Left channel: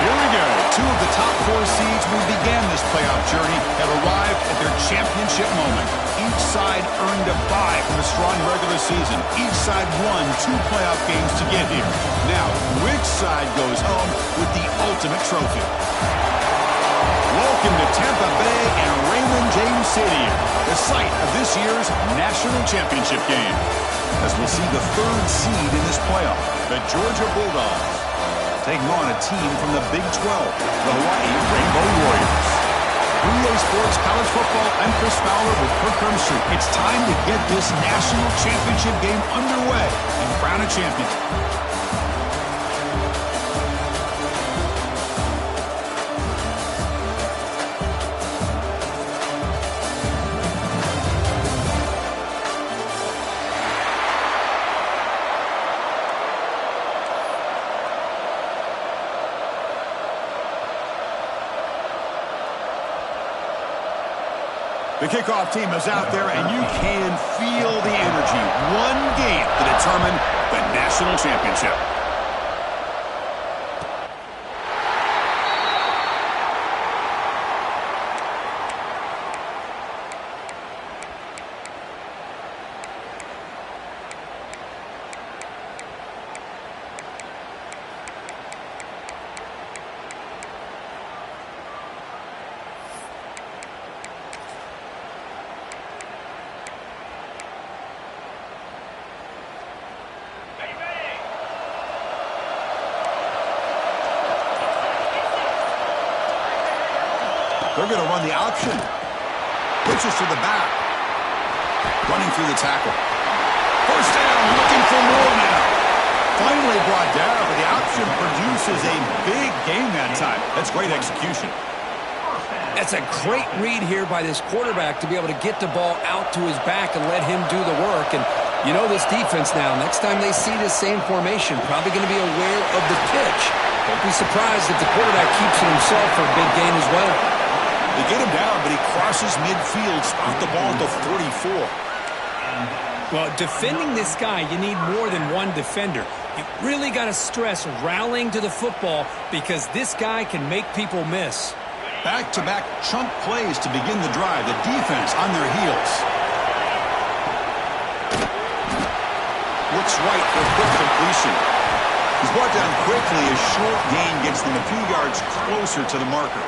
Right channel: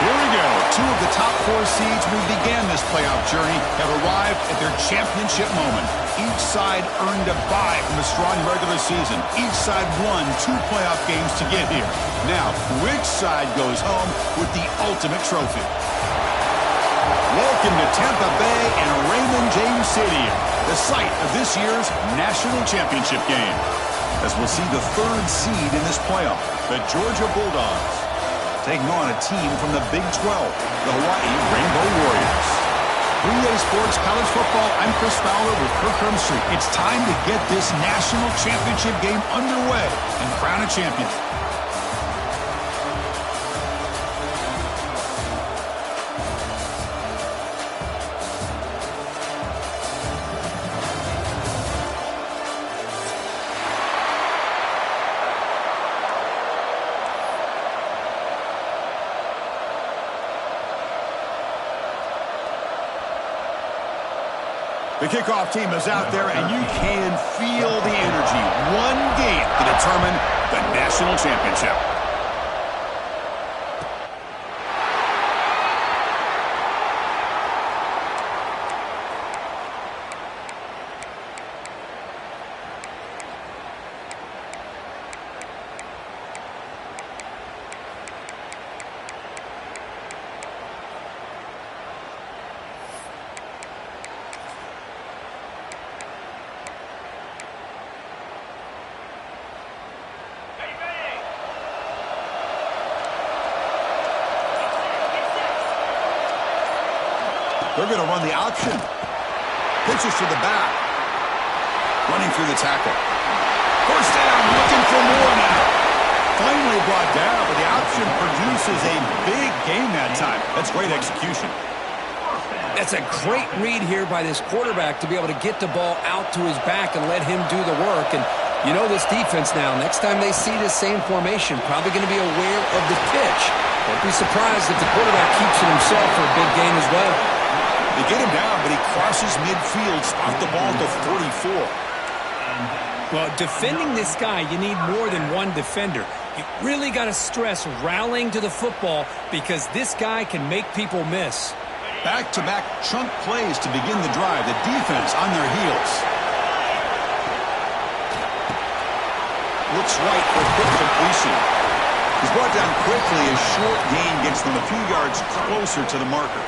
Here we go. Two of the top four seeds who began this playoff journey have arrived at their championship moment. Each side earned a bye from a strong regular season. Each side won 2 playoff games to get here. Now, which side goes home with the ultimate trophy? Welcome to Tampa Bay and Raymond James Stadium, the site of this year's national championship game. As we'll see the 3rd seed in this playoff, the Georgia Bulldogs, taking on a team from the Big 12, the Hawaii Rainbow Warriors. 3A Sports College Football, I'm Chris Fowler with Kirk Hermstreet. It's time to get this national championship game underway and crown a champion. The kickoff team is out there, and you can feel the energy. One game to determine the national championship. They're going to run the option. Pitches to the back. Running through the tackle. First down, looking for more now. Finally brought down, but the option produces a big gain that time. That's great execution. That's a great read here by this quarterback to be able to get the ball out to his back and let him do the work. And you know this defense now. Next time they see this same formation, probably going to be aware of the pitch. Don't be surprised if the quarterback keeps it himself for a big gain as well. They get him down, but he crosses midfield, spot the ball at the 44. Well, defending this guy, you need more than one defender. You really got to stress rallying to the football because this guy can make people miss. Back-to-back chunk plays to begin the drive. The defense on their heels. Looks right for quick completion. He's brought down quickly. A short gain gets them a few yards closer to the marker.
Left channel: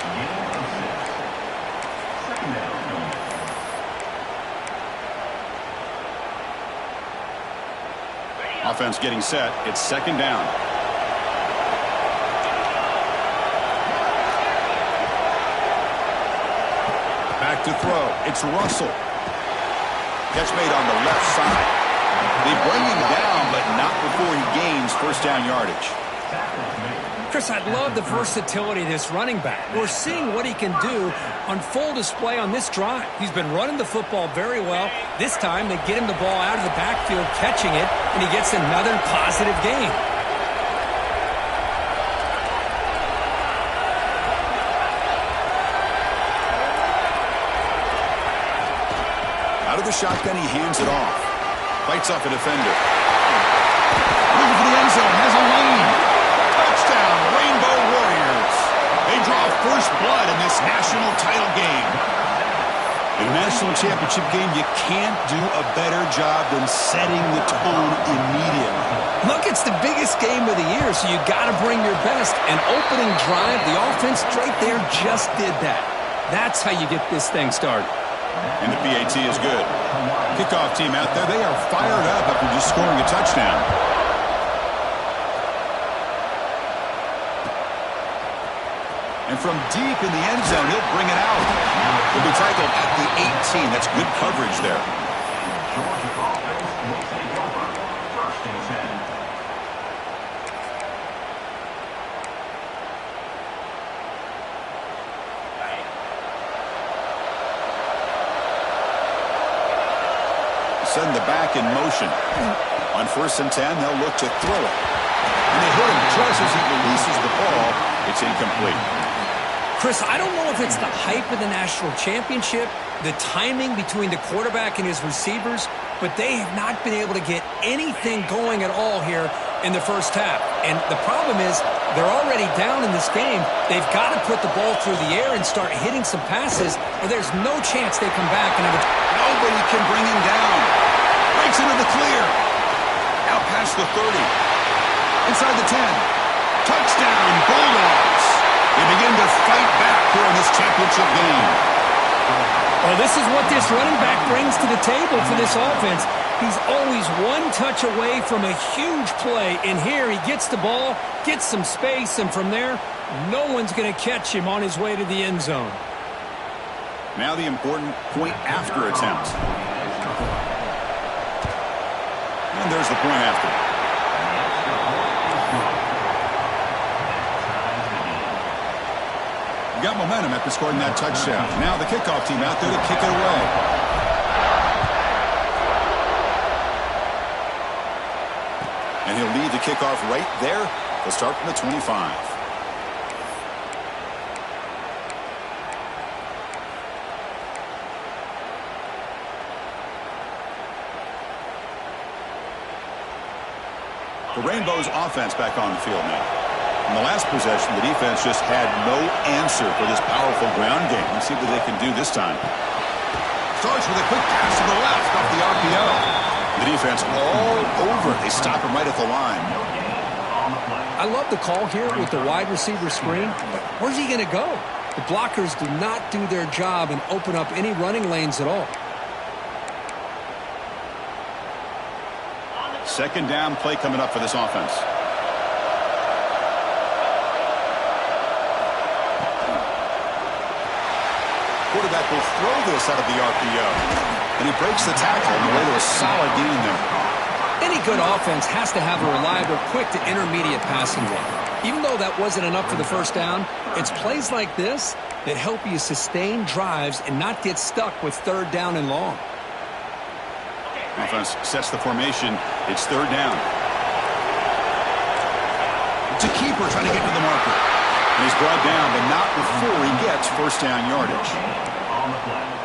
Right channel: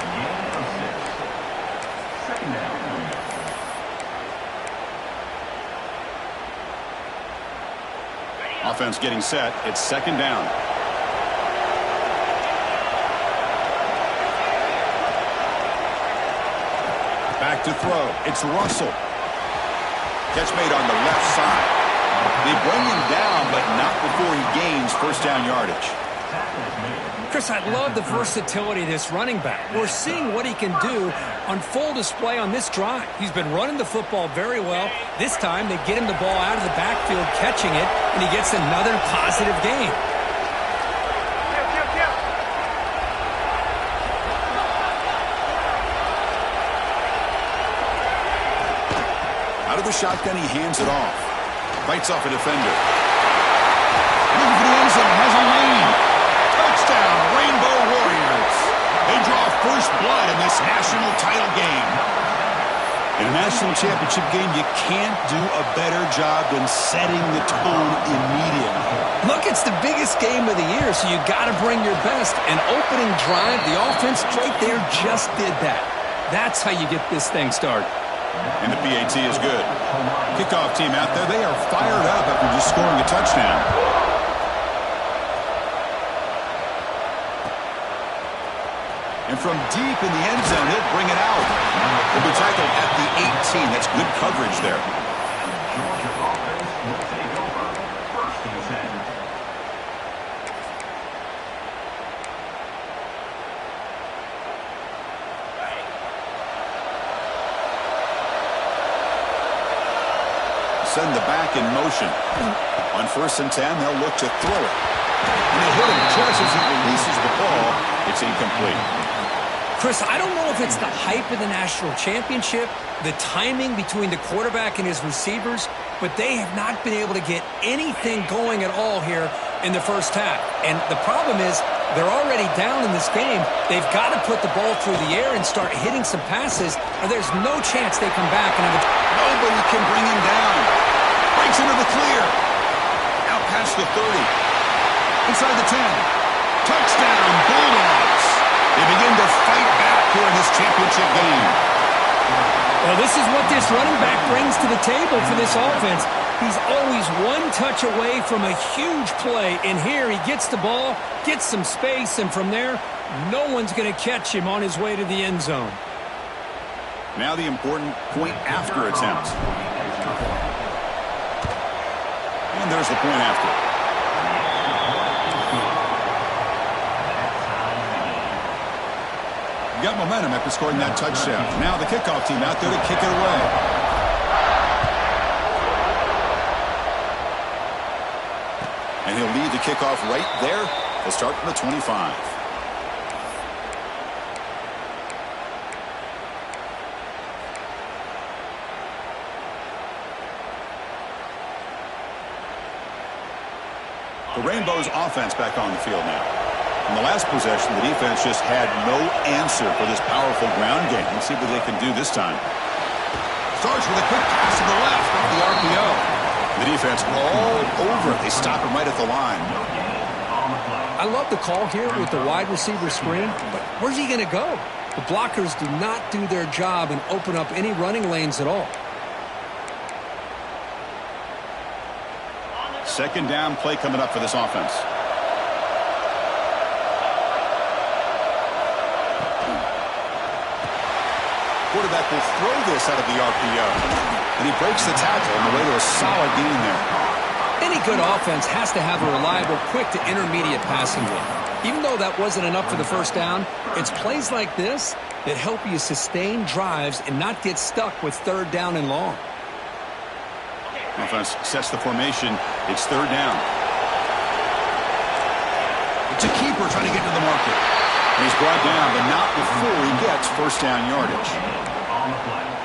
Offense getting set. It's second down. Back to throw. It's Russell. Catch made on the left side. They bring him down, but not before he gains first down yardage. Chris, I love the versatility of this running back. We're seeing what he can do on full display on this drive. He's been running the football very well. This time, they get him the ball out of the backfield, catching it, and he gets another positive gain. Out of the shotgun, he hands it off. Fights off a defender. Looking for the end zone, has a lane. Touchdown, Rainbow Warriors. They draw first blood in this national title game. In a national championship game, you can't do a better job than setting the tone immediately. Look, it's the biggest game of the year, so you got to bring your best. An opening drive, the offense right there just did that. That's how you get this thing started. And the PAT is good. Kickoff team out there, they are fired up after just scoring a touchdown. And from deep in the end zone, he'll bring it out. He'll be tackled at the 18. That's good coverage there. Georgia offense will take over first and 10. Send the back in motion. On first and 10, they'll look to throw it. And they hit him just as he releases the ball. It's incomplete. Chris, I don't know if it's the hype of the national championship, the timing between the quarterback and his receivers, but they have not been able to get anything going at all here in the first half. And the problem is they're already down in this game. They've got to put the ball through the air and start hitting some passes, or there's no chance they come back and have a... Nobody can bring him down. Breaks into the clear. Out past the 30. Inside the 10. Touchdown, Bulldogs. They begin to fight back here in this championship game. Well, this is what this running back brings to the table for this offense. He's always one touch away from a huge play. And here he gets the ball, gets some space, and from there, no one's going to catch him on his way to the end zone. Now the important point after attempt. And there's the point after. You got momentum after scoring that touchdown. Now the kickoff team out there to kick it away. And he'll lead the kickoff right there. He'll start from the 25. The Rainbows offense back on the field now. In the last possession, the defense just had no answer for this powerful ground game. Let's see what they can do this time. Starts with a quick pass to the left off the RPO. The defense all over it. They stop him right at the line. I love the call here with the wide receiver screen, but where's he going to go? The blockers do not do their job and open up any running lanes at all. Second down play coming up for this offense. Quarterback will throw this out of the RPO. And he breaks the tackle on the way to a solid gain there. Any good offense has to have a reliable, quick to intermediate passing game. Even though that wasn't enough for the first down, it's plays like this that help you sustain drives and not get stuck with third down and long. Offense sets the formation. It's third down. It's a keeper trying to get to the marker. And he's brought down, but not before he gets first down yardage.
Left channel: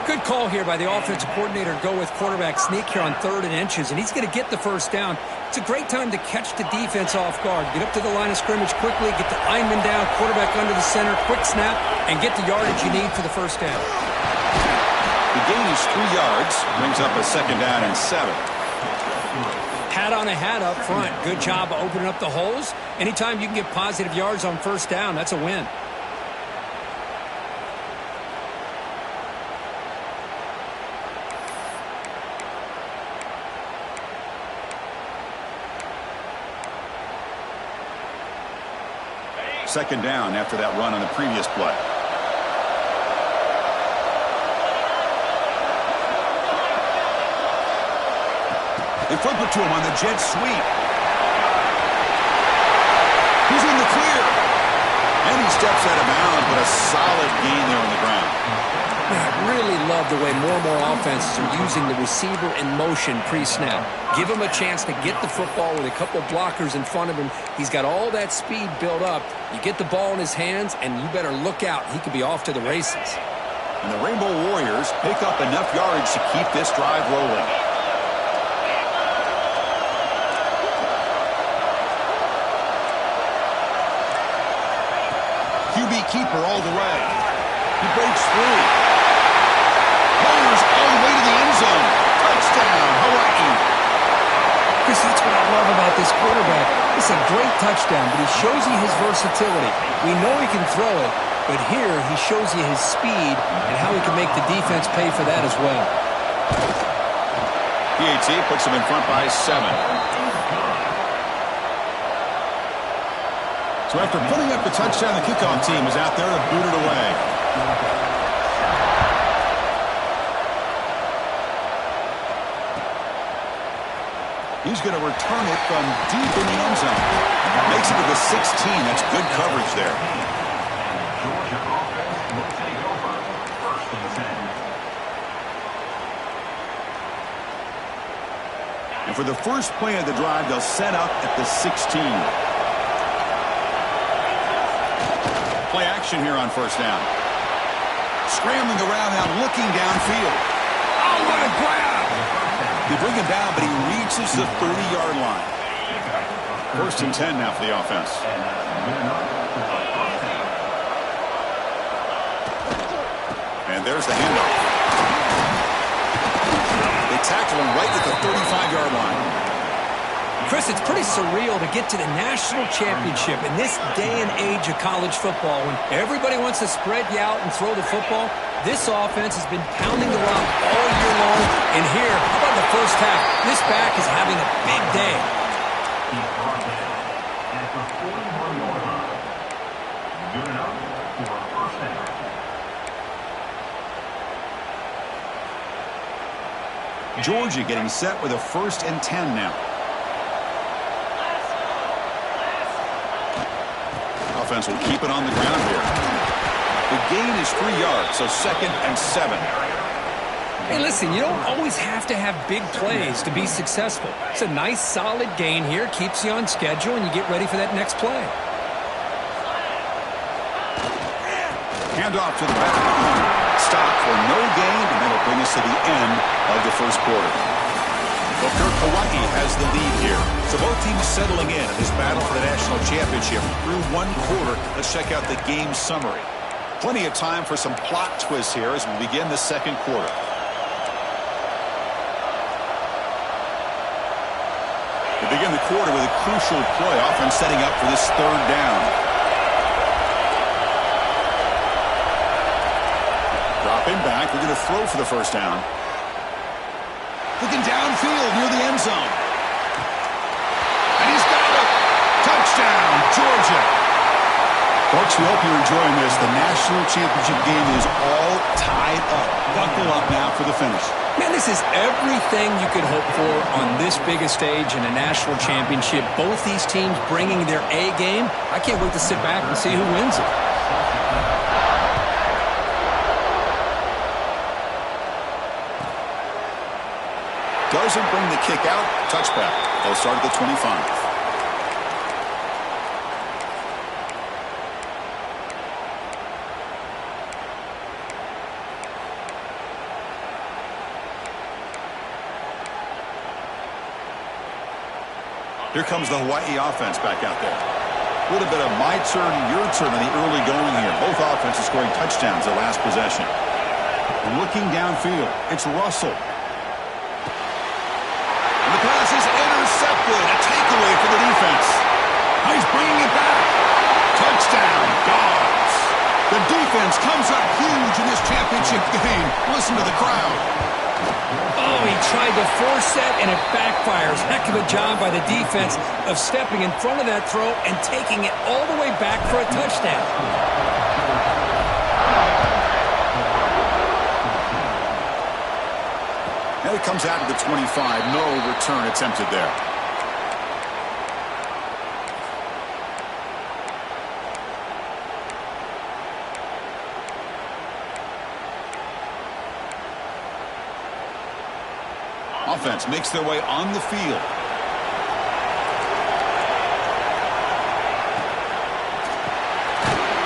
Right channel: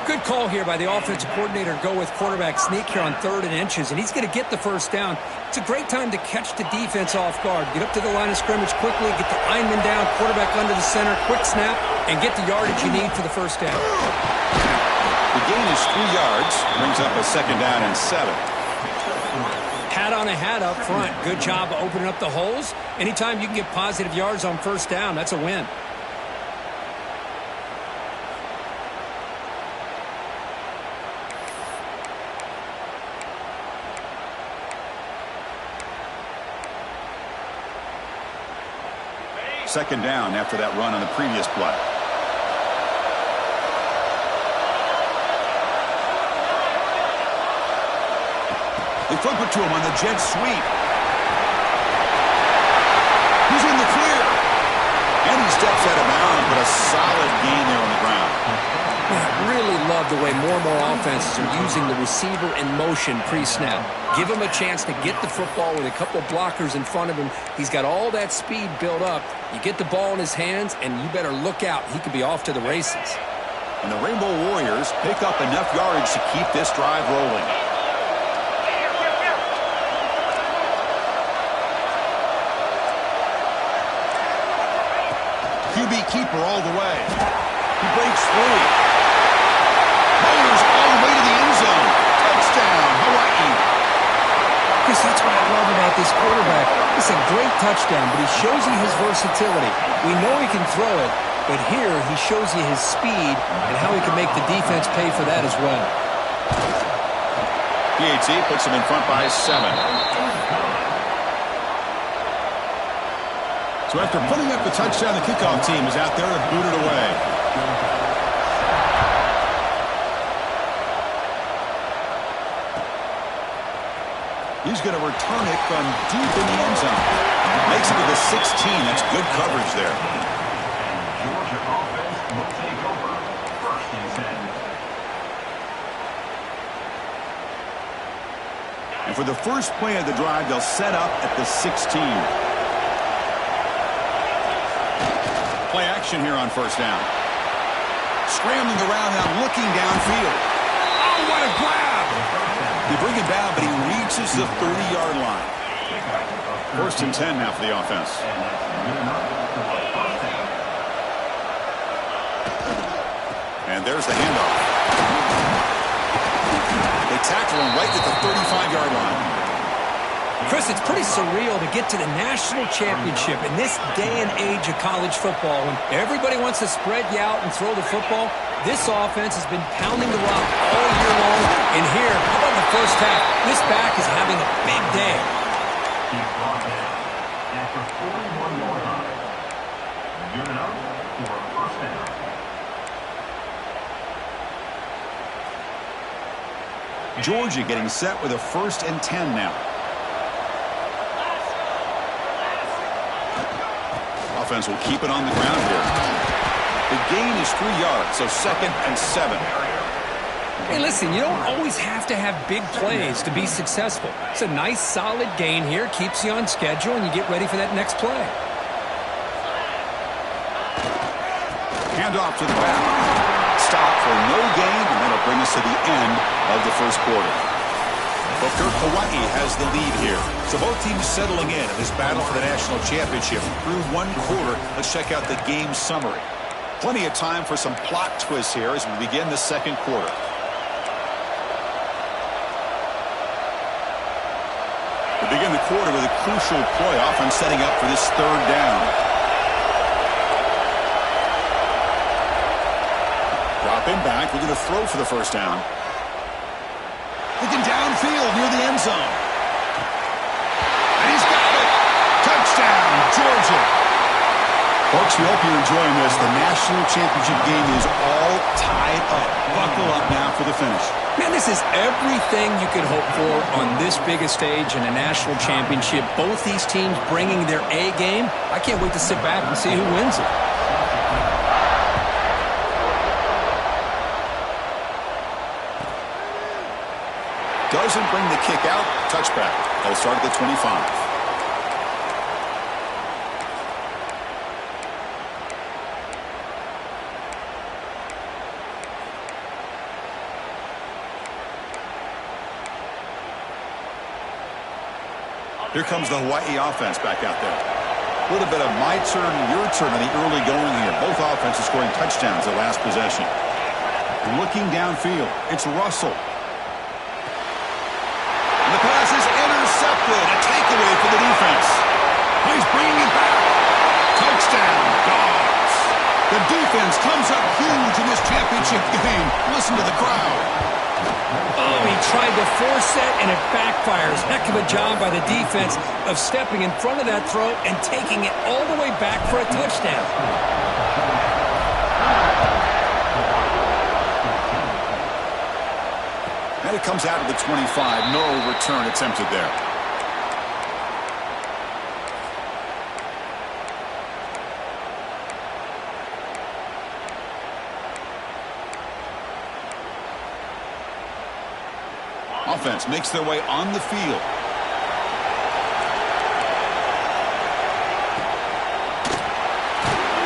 Good call here by the offensive coordinator to go with quarterback sneak here on 3rd and inches, and he's going to get the first down. It's a great time to catch the defense off guard. Get up to the line of scrimmage quickly, get the lineman down, quarterback under the center, quick snap, and get the yardage you need for the first down. The gain is 3 yards, brings up a second down and 7. Hat on a hat up front. Good job opening up the holes. Anytime you can get positive yards on first down, that's a win. Second down after that run on the previous play. They flip it to him on the jet sweep. He's in the clear. And he steps out of bounds, but a solid gain there on the ground. I really love the way more and more offenses are using the receiver in motion pre-snap. Give him a chance to get the football with a couple blockers in front of him. He's got all that speed built up. You get the ball in his hands, and you better look out. He could be off to the races. And the Rainbow Warriors pick up enough yardage to keep this drive rolling. QB keeper all the way. He breaks free. Motors all the way to the end zone. Touchdown, Hawaii. Chris, that's what I love about this quarterback. It's a great touchdown, but he shows you his versatility. We know he can throw it, but here he shows you his speed and how he can make the defense pay for that as well. PAT puts him in front by 7. So after putting up the touchdown, the kickoff team is out there to boot it away. He's going to return it from deep in the end zone. Makes it to the 16. That's good coverage there. And Georgia offense will take over. 1st and 10. And for the first play of the drive, they'll set up at the 16. Play action here on first down. Scrambling around now, looking downfield. Oh, what a grab! They bring him down, but he reaches the 30-yard line. First and 10 now for the offense. And that's good enough for a first down. And there's the handoff. They tackle him right at the 35-yard line. Chris, it's pretty surreal to get to the national championship in this day and age of college football when everybody wants to spread you out and throw the football. This offense has been pounding the rock all year long. And here, how about the first half? This back is having a big day. He's brought down at the 41-yard line. Good enough for a first down. Georgia getting set with a first and 10 now. Offense will keep it on the ground here. The gain is 3 yards, so second and 7. Hey, listen, you don't always have to have big plays to be successful. It's a nice, solid gain here. Keeps you on schedule, and you get ready for that next play. Handoff to the back. Stop for no gain, and that'll bring us to the end of the first quarter. Booker, Hawaii has the lead here. So both teams settling in this battle for the national championship through one quarter. Let's check out the game summary. Plenty of time for some plot twists here as we begin the second quarter. We begin the quarter with a crucial play, offense setting up for this third down. Dropping back, we're going to throw for the first down. Looking downfield near the end zone. And he's got it. Touchdown, Georgia. Folks, we hope you're enjoying this. The national championship game is all tied up. Buckle up now for the finish. Man, this is everything you could hope for on this biggest stage in a national championship. Both these teams bringing their A game. I can't wait to sit back and see who wins it. Doesn't bring the kick out. Touchback. They'll start at the 25. Here comes the Hawaii offense back out there. A little bit of my turn, your turn on the early going here. Both offenses scoring touchdowns at last possession. Looking downfield. It's Russell. And the pass is intercepted. A takeaway for the defense. Oh, he's bringing it back. Touchdown, Dawgs. The defense comes up huge in this championship game. Listen to the crowd. Oh, he tried to force it, and it backfires. Heck of a job by the defense of stepping in front of that throw and taking it all the way back for a touchdown. And it comes out of the 25. No return attempted there. Offense makes their way on the field.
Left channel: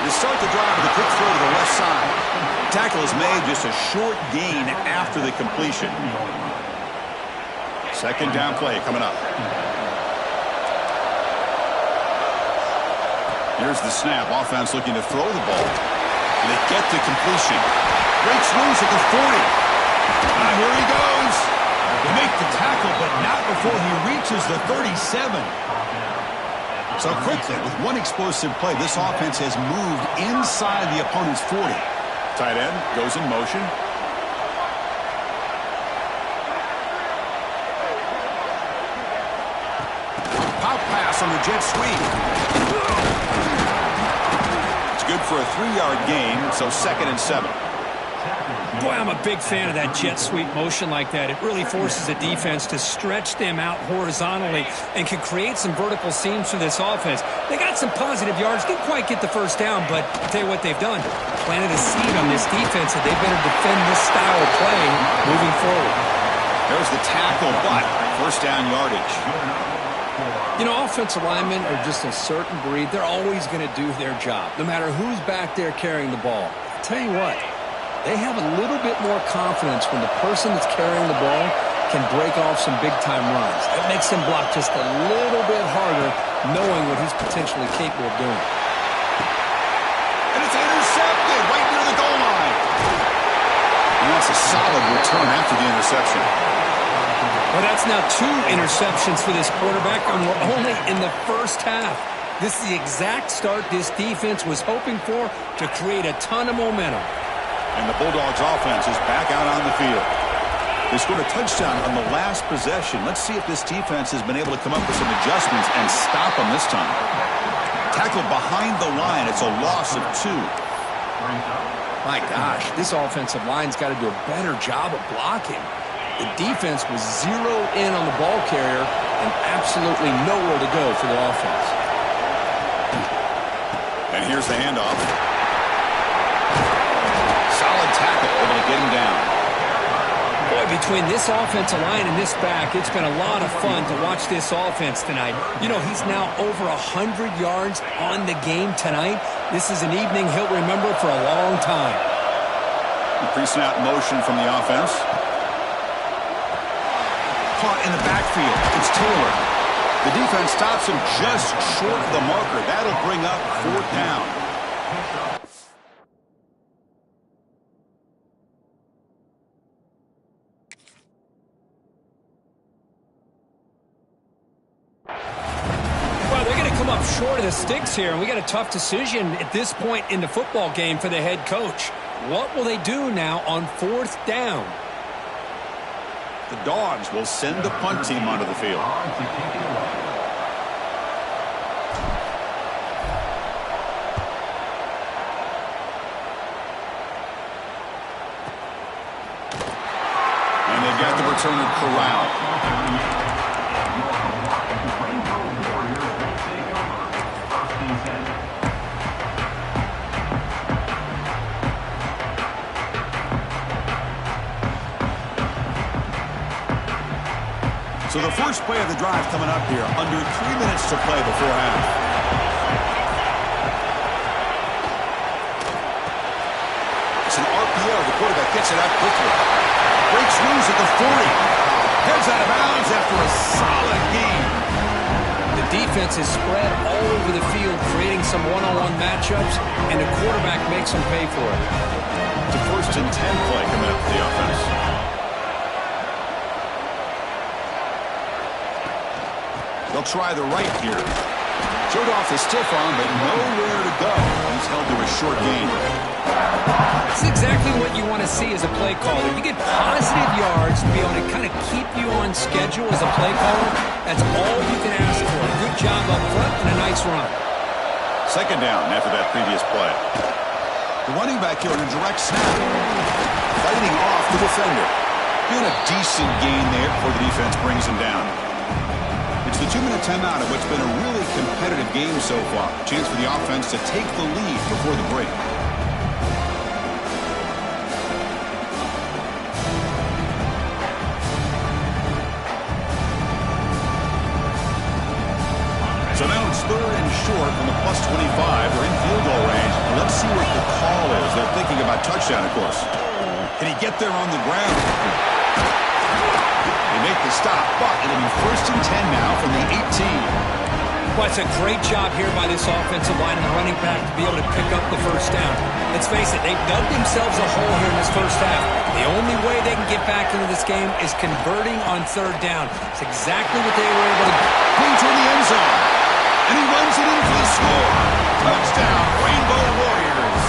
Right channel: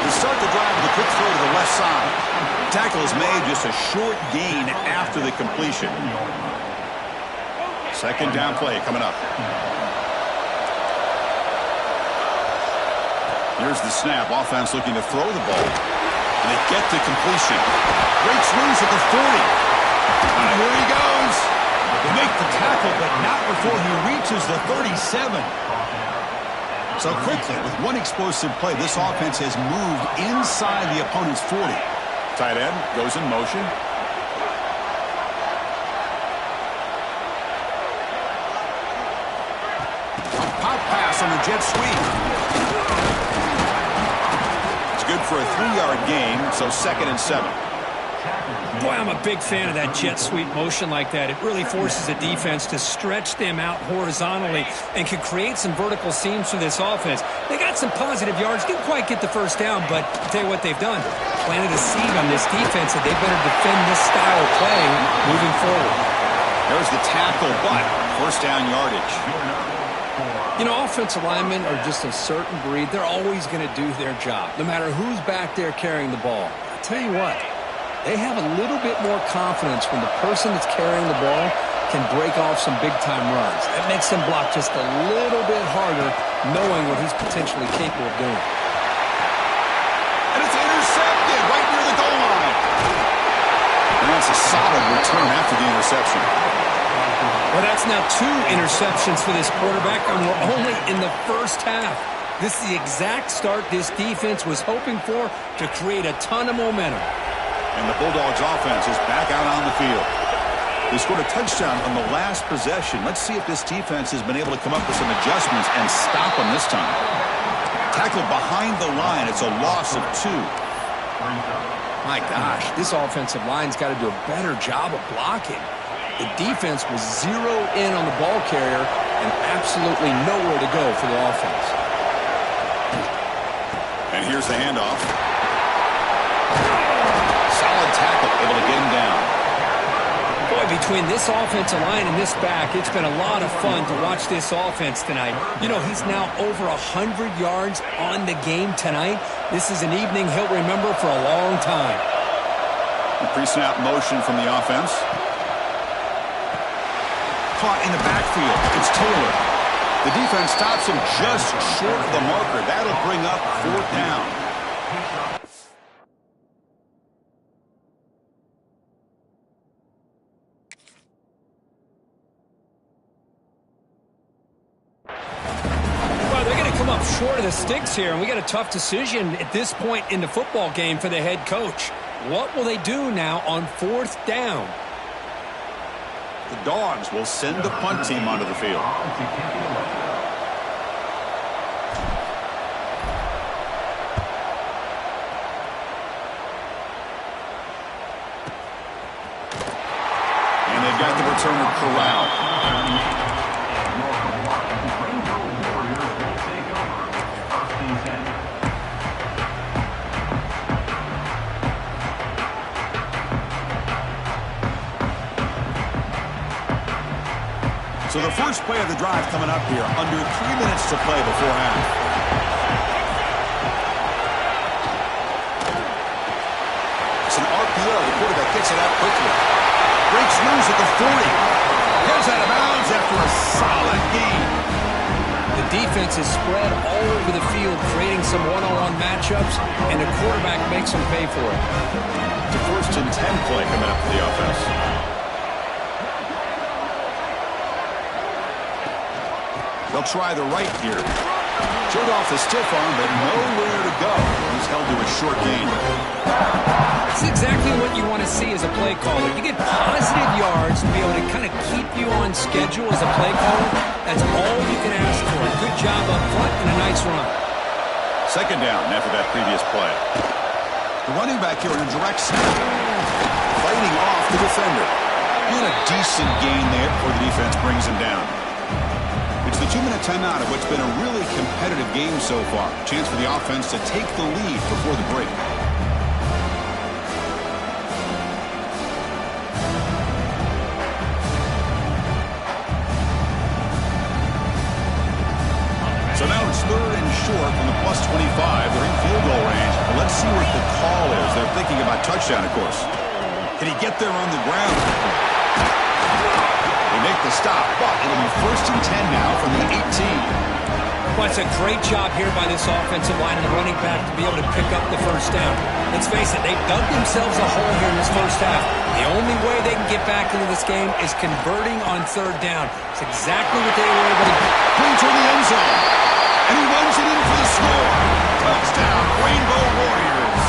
They start the drive with a quick throw to the left side. Tackle is made, just a short gain after the completion. Second down play coming up. Here's the snap. Offense looking to throw the ball. And they get the completion. Breaks loose at the 40. Here he goes. They make the tackle, but not before he reaches the 37. So quickly, with one explosive play, this offense has moved inside the opponent's 40. Tight end goes in motion. Pop pass on the jet sweep. It's good for a 3-yard gain, so second and 7. Boy, I'm a big fan of that jet sweep motion like that. It really forces the defense to stretch them out horizontally and can create some vertical seams for this offense. They got some positive yards, didn't quite get the first down, but I'll tell you what they've done. Planted a seed on this defense that they better defend this style of play moving forward. There's the tackle, but first down yardage. You know, offensive linemen are just a certain breed. They're always going to do their job, no matter who's back there carrying the ball. I'll tell you what. They have a little bit more confidence when the person that's carrying the ball can break off some big-time runs. That makes him block just a little bit harder, knowing what he's potentially capable of doing. And it's intercepted right near the goal line. And that's a solid return after the interception. Well, that's now 2 interceptions for this quarterback, and we're only in the first half. This is the exact start this defense was hoping for to create a ton of momentum. And the Bulldogs offense is back out on the field. They scored a touchdown on the last possession. Let's see if this defense has been able to come up with some adjustments and stop them this time. Tackled behind the line. It's a loss of 2. My gosh, this offensive line's got to do a better job of blocking. The defense was zeroed in on the ball carrier and absolutely nowhere to go for the offense. And here's the handoff. Solid tackle, able to get him down. Boy, between this offensive line and this back, it's been a lot of fun to watch this offense tonight. You know, he's now over 100 yards on the game tonight. This is an evening he'll remember for a long time. Pre-snap motion from the offense. Caught in the backfield. It's Taylor. The defense stops him just short of the marker. That'll bring up 4th down. Up short of the sticks here, and we got a tough decision at this point in the football game for the head coach. What will they do now on 4th down? The Dawgs will send the punt team onto the field. And they've got the returner corralled. So the first play of the drive coming up here, under 3 minutes to play before half. It's an RPO. The quarterback gets it out quickly. Breaks loose at the 40. Heads out of bounds after a solid gain. The defense is spread all over the field, creating some one-on-one matchups, and the quarterback makes them pay for it. It's a 1st and 10 play coming up for the offense. They'll try the right here. Showed off the stiff arm, but nowhere to go. He's held to a short gain. That's exactly what you want to see as a play caller. You get positive yards to be able to kind of keep you on schedule as a play caller. That's all you can ask for. A good job up front and a nice run. 2nd down after that previous play. The running back here in a direct snap. Fighting off the defender. And a decent gain there before the defense brings him down. It's the 2-minute timeout of what's been a really competitive game so far. Chance for the offense to take the lead before the break. So now it's 3rd and short from the +25. They're in field goal range. Let's see what the call is. They're thinking about touchdown, of course. Can he get there on the ground? They make the stop, but it'll be 1st and 10 now from the 18. Well, it's a great job here by this offensive line and the running back to be able to pick up the 1st down. Let's face it, they've dug themselves a hole here in this first half. The only way they can get back into this game is converting on 3rd down. It's exactly what they were able to do. Clean toward the end zone. And he runs it in for the score. Touchdown, Rainbow Warriors.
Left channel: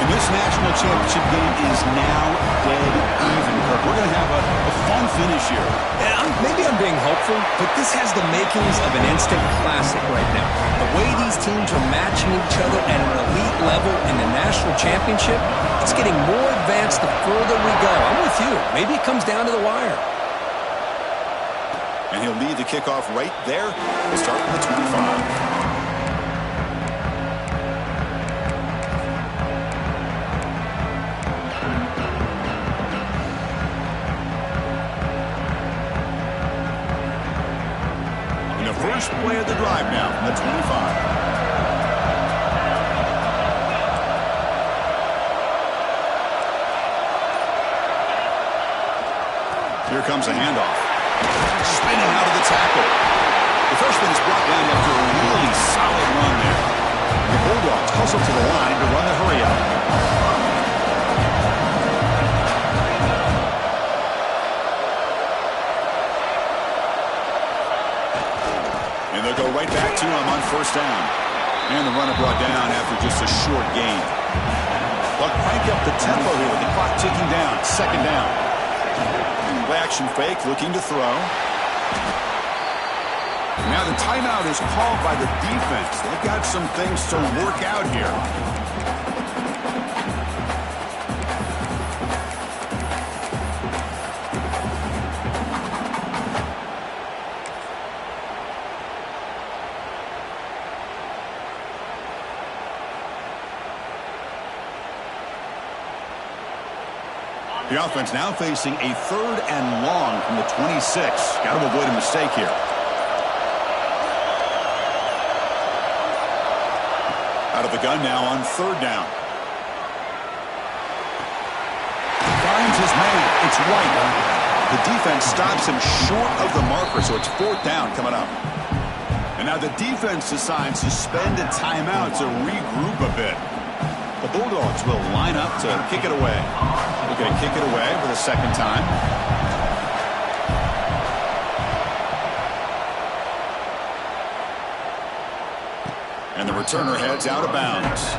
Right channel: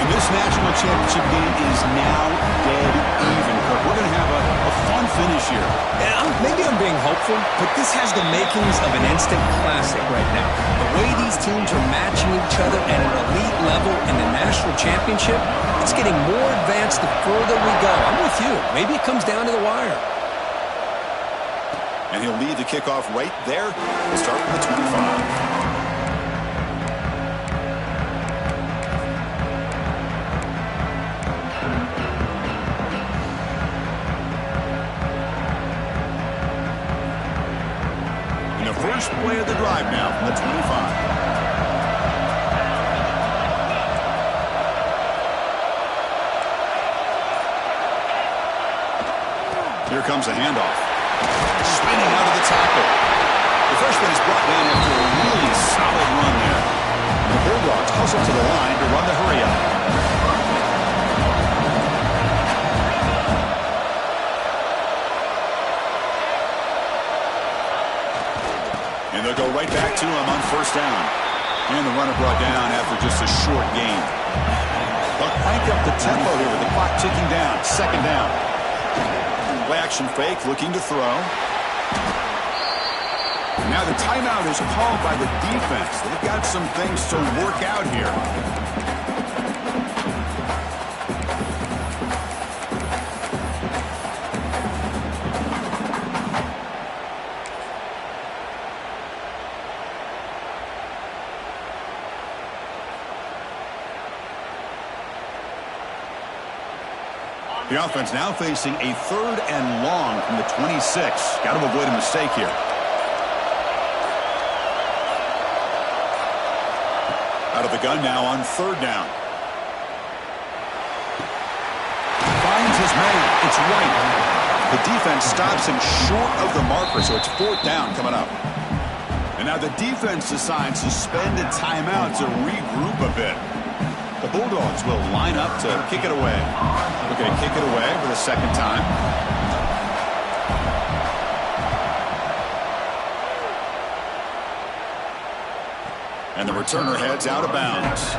And this national championship game is now dead even, Kirk. We're going to have a fun finish here. Maybe I'm being hopeful, but this has the makings of an instant classic right now. The way these teams are matching each other at an elite level in the national championship, it's getting more advanced the further we go. I'm with you. Maybe it comes down to the wire. And he'll lead the kickoff right there. We'll start with the 25. First play of the drive now from the 25. Here comes a handoff. Spinning out of the tackle. The freshman is brought down after a really solid run there. The Bulldogs hustle to the line to run the hurry up. And they'll go right back to him on first down. And the runner brought down after just a short gain. They'll crank up the tempo here with the clock ticking down. Second down. Play action fake, looking to throw. Now the timeout is called by the defense. They've got some things to work out here. The offense now facing a 3rd and long from the 26. Got to avoid a mistake here. Out of the gun now on 3rd down. Finds his man. It's White. The defense stops him short of the marker, so it's 4th down coming up. And now the defense decides to spend a timeout to regroup a bit. The Bulldogs will line up to kick it away. Looking to kick it away for the second time. And the returner heads out of bounds.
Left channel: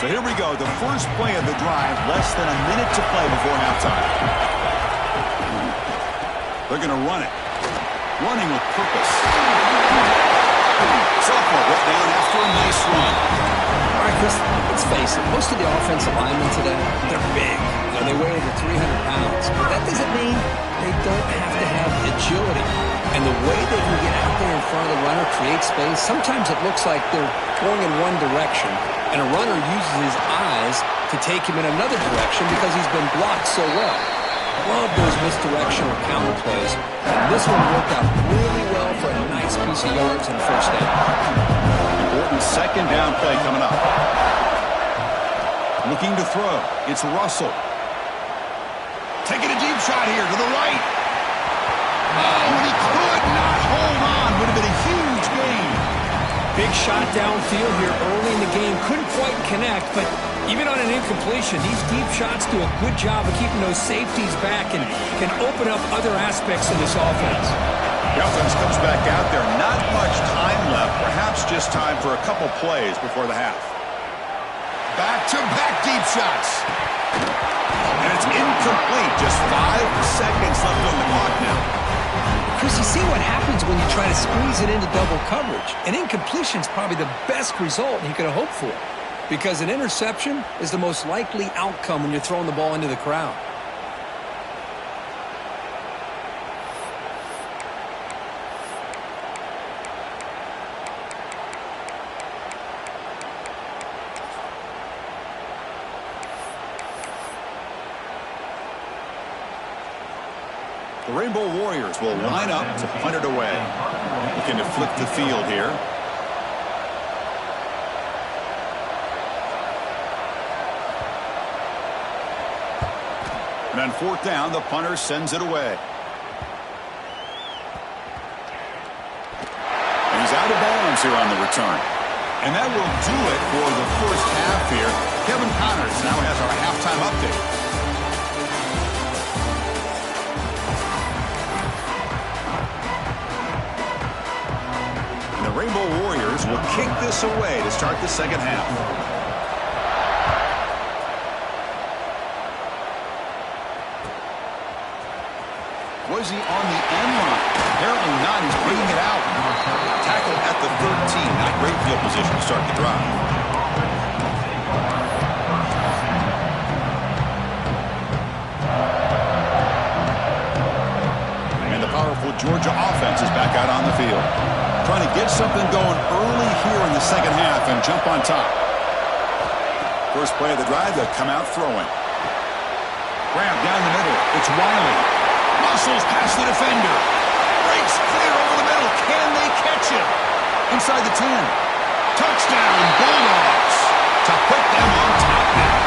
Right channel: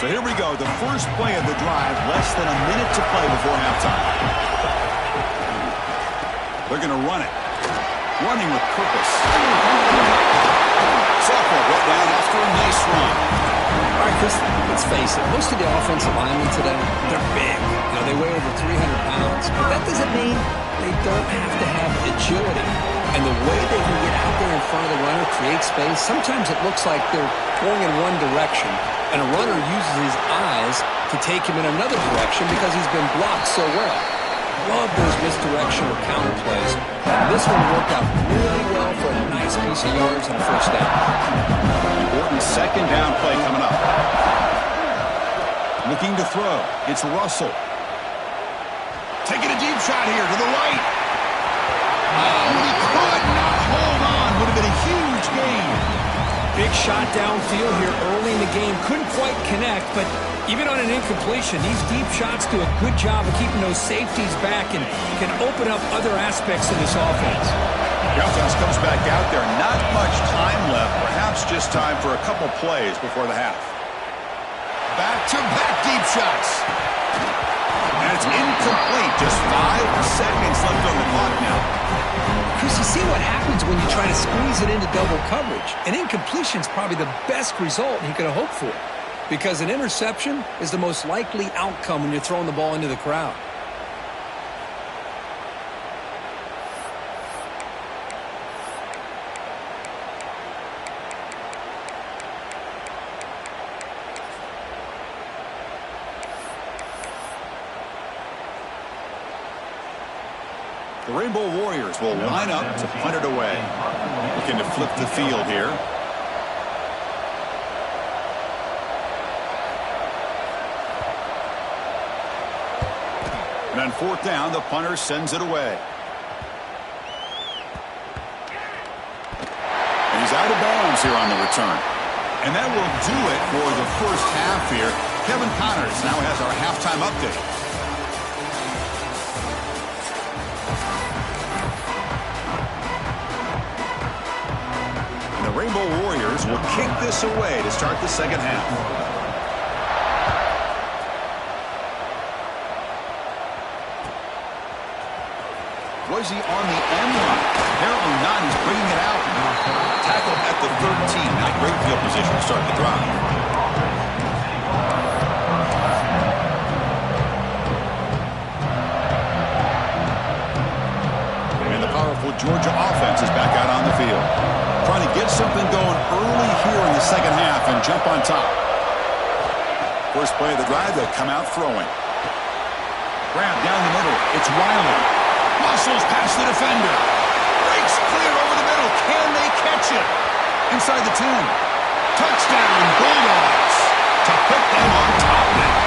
So here we go, the first play of the drive, less than a minute to play before halftime. They're going to run it. Running with purpose. Sophomore brought down after a nice run. All right, Chris, let's face it. Most of the offensive linemen today, they're big. You know, they weigh over 300 pounds. But that doesn't mean they don't have to have agility. And the way they can get out there in front of the runner, create space, sometimes it looks like they're going in one direction, and a runner uses his eyes to take him in another direction because he's been blocked so well. Love those misdirection or counter plays, and this one worked out really well for a nice piece of yards and a first down. Important second down play coming up. Looking to throw. It's Russell. Taking a deep shot here to the right. Oh, and he could not hold on. Would have been a huge gain. Big shot downfield here early in the game. Couldn't quite connect, but even on an incompletion, these deep shots do a good job of keeping those safeties back and can open up other aspects of this offense. The offense comes back out there. Not much time left. Perhaps just time for a couple plays before the half. Back-to-back deep shots. And it's incomplete. Just 5 seconds left on the clock now. Chris, you see what happens when you try to squeeze it into double coverage. An incompletion is probably the best result he could have hoped for, because an interception is the most likely outcome when you're throwing the ball into the crowd. The Rainbow Warriors will line up to punt it away. Looking to flip the field here. And on 4th down, the punter sends it away. And he's out of bounds here on the return. And that will do it for the first half here. Kevin Connors now has our halftime update. The Rainbow Warriors will kick this away to start the second half. Was he on the end line? Apparently not. He's bringing it out. Tackled at the 13. Not great field position to start the drive. And the powerful Georgia offense is back out on the field. Trying to get something going early here in the second half and jump on top. First play of the drive, they'll come out throwing. Grab down the middle. It's Wiley. Muscles past the defender. Breaks clear over the middle. Can they catch him? Inside the 10. Touchdown, Bulldogs. To put them on top now.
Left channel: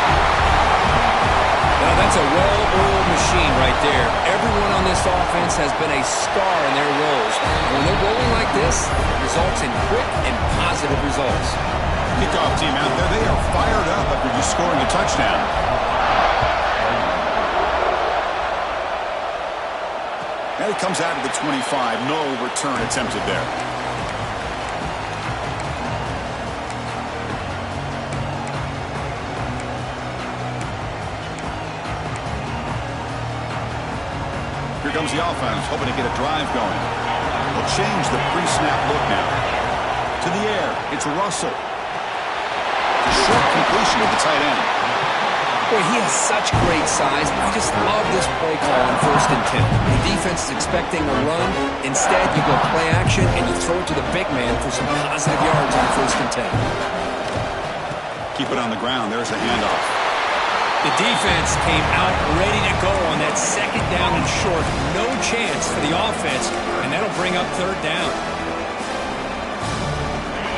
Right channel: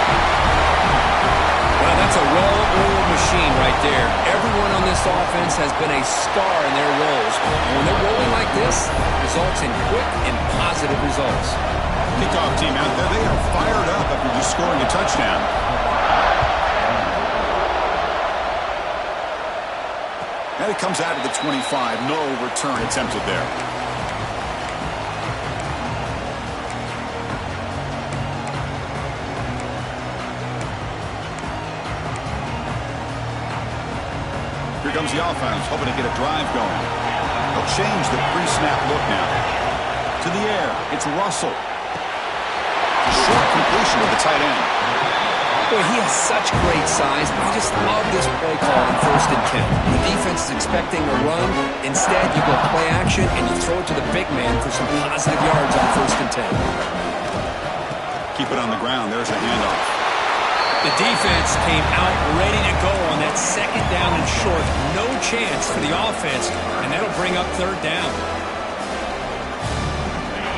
Well, that's a well-oiled machine right there. Everyone on this offense has been a star in their roles. And when they're rolling like this, it results in quick and positive results. Kickoff team out there, they are fired up after just scoring a touchdown. And it comes out of the 25. No return attempted there. Here comes the offense, hoping to get a drive going. They'll change the pre-snap look now. To the air, it's Russell. A short completion of the tight end. Boy, he has such great size. I just love this play call on 1st and 10. The defense is expecting a run. Instead, you go play action, and you throw it to the big man for some positive yards on 1st and 10. Keep it on the ground. There's the handoff. The defense came out ready to go on that 2nd down and short. No chance for the offense, and that'll bring up 3rd down.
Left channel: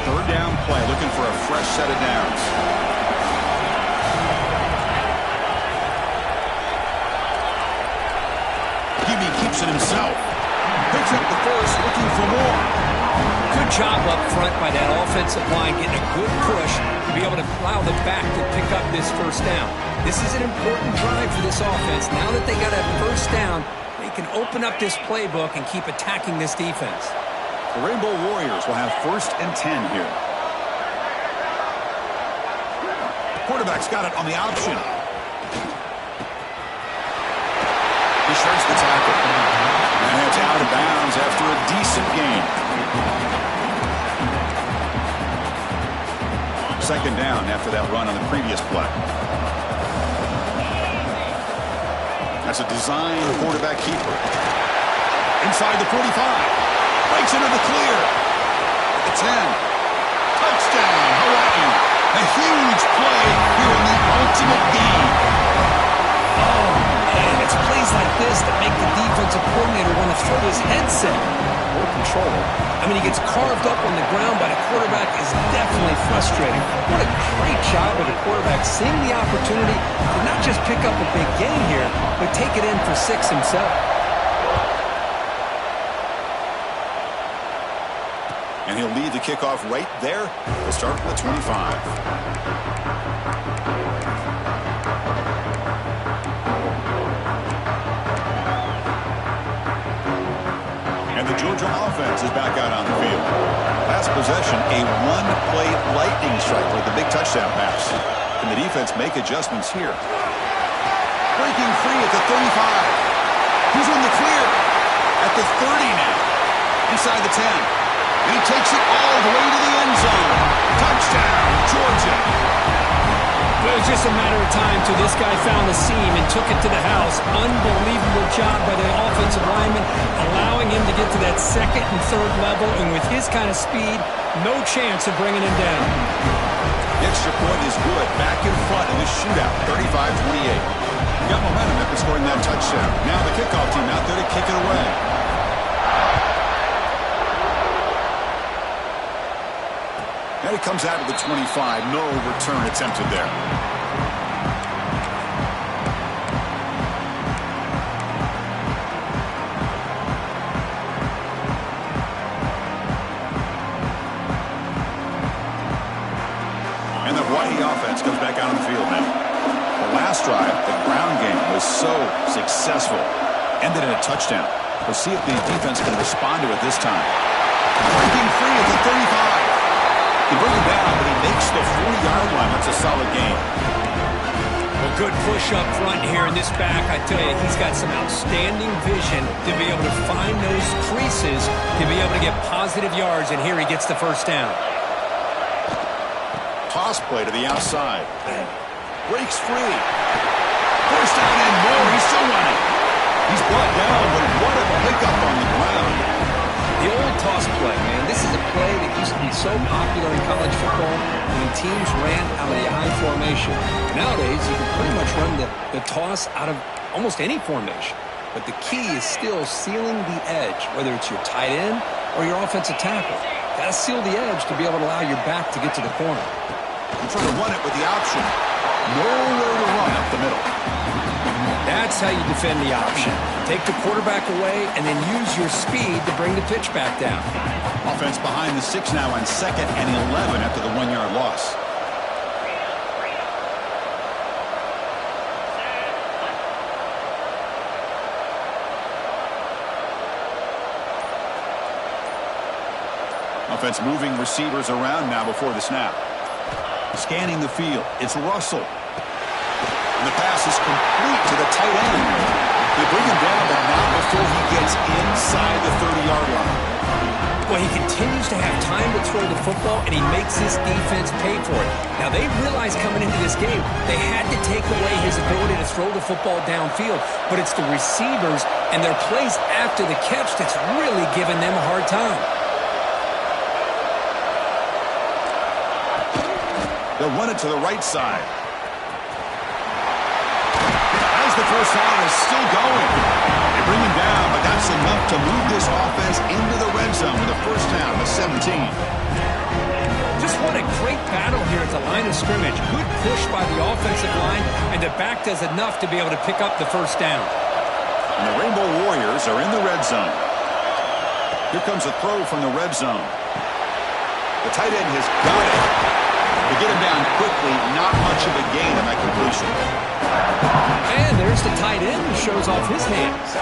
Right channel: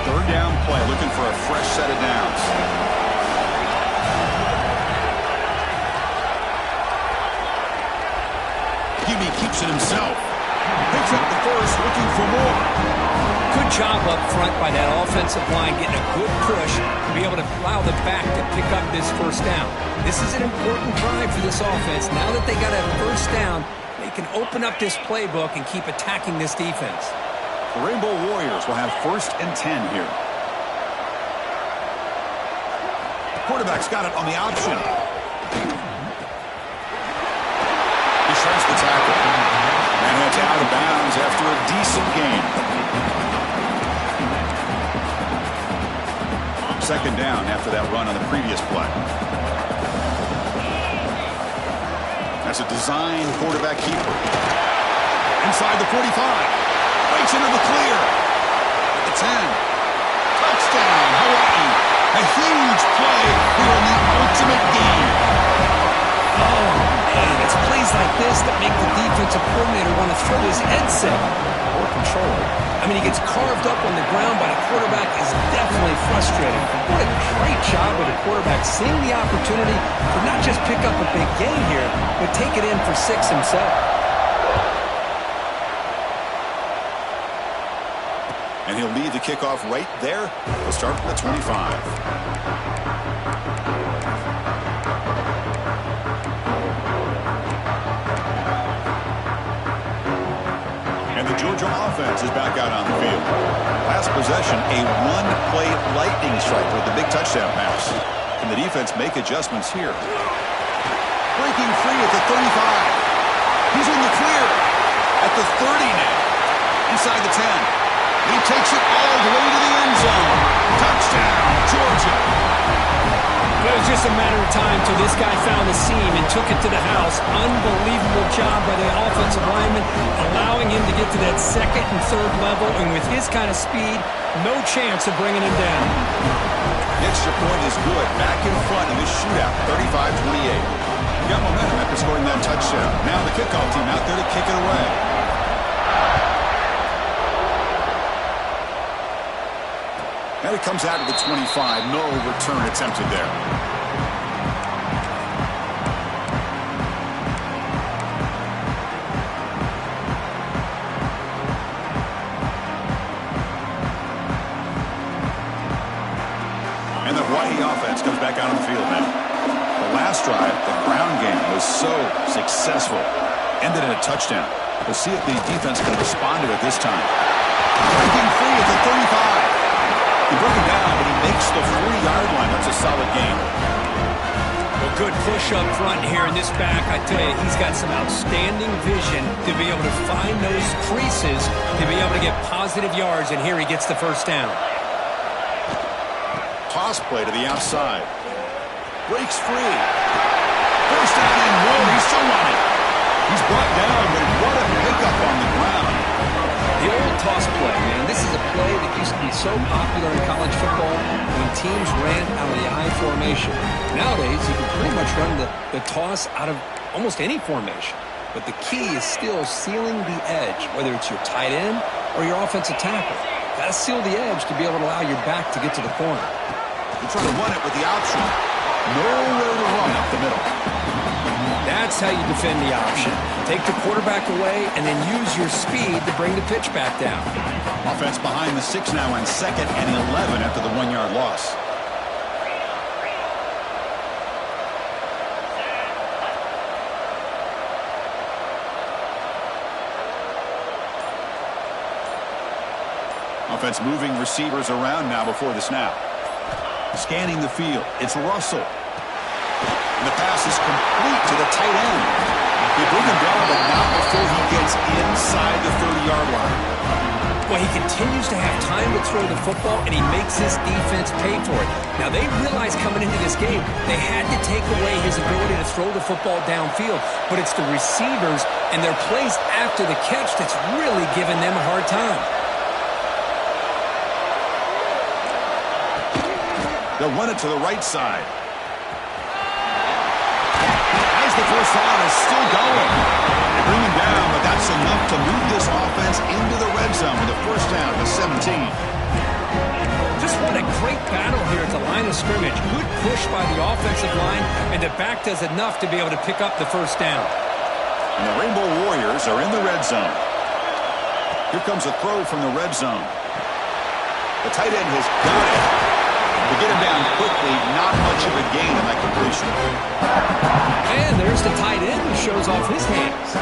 3rd down play, looking for a fresh set of downs. Gibby keeps it himself. Picks up the first, looking for more. Good job up front by that offensive line, getting a good push to be able to allow the back to pick up this 1st down. This is an important drive for this offense. Now that they got a 1st down, they can open up this playbook and keep attacking this defense. The Rainbow Warriors will have 1st and 10 here. The quarterback's got it on the option. He shreds the tackle. And it's out of bounds after a decent gain. 2nd down after that run on the previous play. That's a design quarterback keeper. Inside the 45. Breaks into the clear. At the 10. Touchdown, Hawaii. A huge play here in the ultimate game. Oh, man, it's plays like this that make the defensive coordinator want to throw his headset. Or controller. I mean, he gets carved up on the ground by the quarterback is definitely frustrating. What a great job by the quarterback seeing the opportunity to not just pick up a big gain here, but take it in for 6 himself. And he'll lead the kickoff right there. We'll start with the 25. And the Georgia offense is back out on the field. Last possession, a one-play lightning strike with the big touchdown pass. Can the defense make adjustments here? Breaking free at the 35. He's in the clear. At the 30 now. Inside the 10. And he takes it all the way to the end zone. Touchdown, Georgia. But it was just a matter of time till this guy found the seam and took it to the house. Unbelievable job by the offensive lineman, allowing him to get to that 2nd and 3rd level. And with his kind of speed, no chance of bringing him down. The extra point is good. Back in front in this shootout, 35-28. Got momentum after scoring that touchdown. Now the kickoff team out there to kick it away. And it comes out of the 25. No return attempted there. And the Hawaii offense comes back out on the field now. The last drive, the ground game, was so successful. Ended in a touchdown. We'll see if the defense can respond to it this time. Breaking free at the 35. He broke him down, but he makes the 40-yard line. That's a solid gain. Well, good push up front here in this back. I tell you, he's got some outstanding vision to be able to find those creases, to be able to get positive yards, and here he gets the 1st down. Toss play to the outside. Breaks free. 1st down and more. He's still running. He's brought down, but what a pickup on the ground. The old toss play, man. This is a play that used to be so popular in college football when teams ran out of the I formation. Nowadays, you can pretty much run the toss out of almost any formation. But the key is still sealing the edge, whether it's your tight end or your offensive tackle. Got to seal the edge to be able to allow your back to get to the corner. They're trying to run it with the option. Nowhere to run up the middle. That's how you defend the option. Take the quarterback away and then use your speed to bring the pitch back down. Offense behind the 6 now on 2nd and 11 after the 1-yard loss. Offense moving receivers around now before the snap. Scanning the field. It's Russell. And the pass is complete to the tight end. They bring him down, but not before he gets inside the 30-yard line. Well, he continues to have time to throw the football, and he makes this defense pay for it. Now, they realized coming into this game they had to take away his ability to throw the football downfield, but it's the receivers and their plays after the catch that's really giving them a hard time. They'll run it to the right side. As the first down is still going. They bring him down, but that's enough to move this offense into the red zone with a first down at the 17. Just what a great battle here at the line of scrimmage. Good push by the offensive line, and the back does enough to be able to pick up the first down. And the Rainbow Warriors are in the red zone. Here comes a throw from the red zone. The tight end has got it. To get him down quickly, not much of a gain on that completion. And there's the tight end who shows off his hands.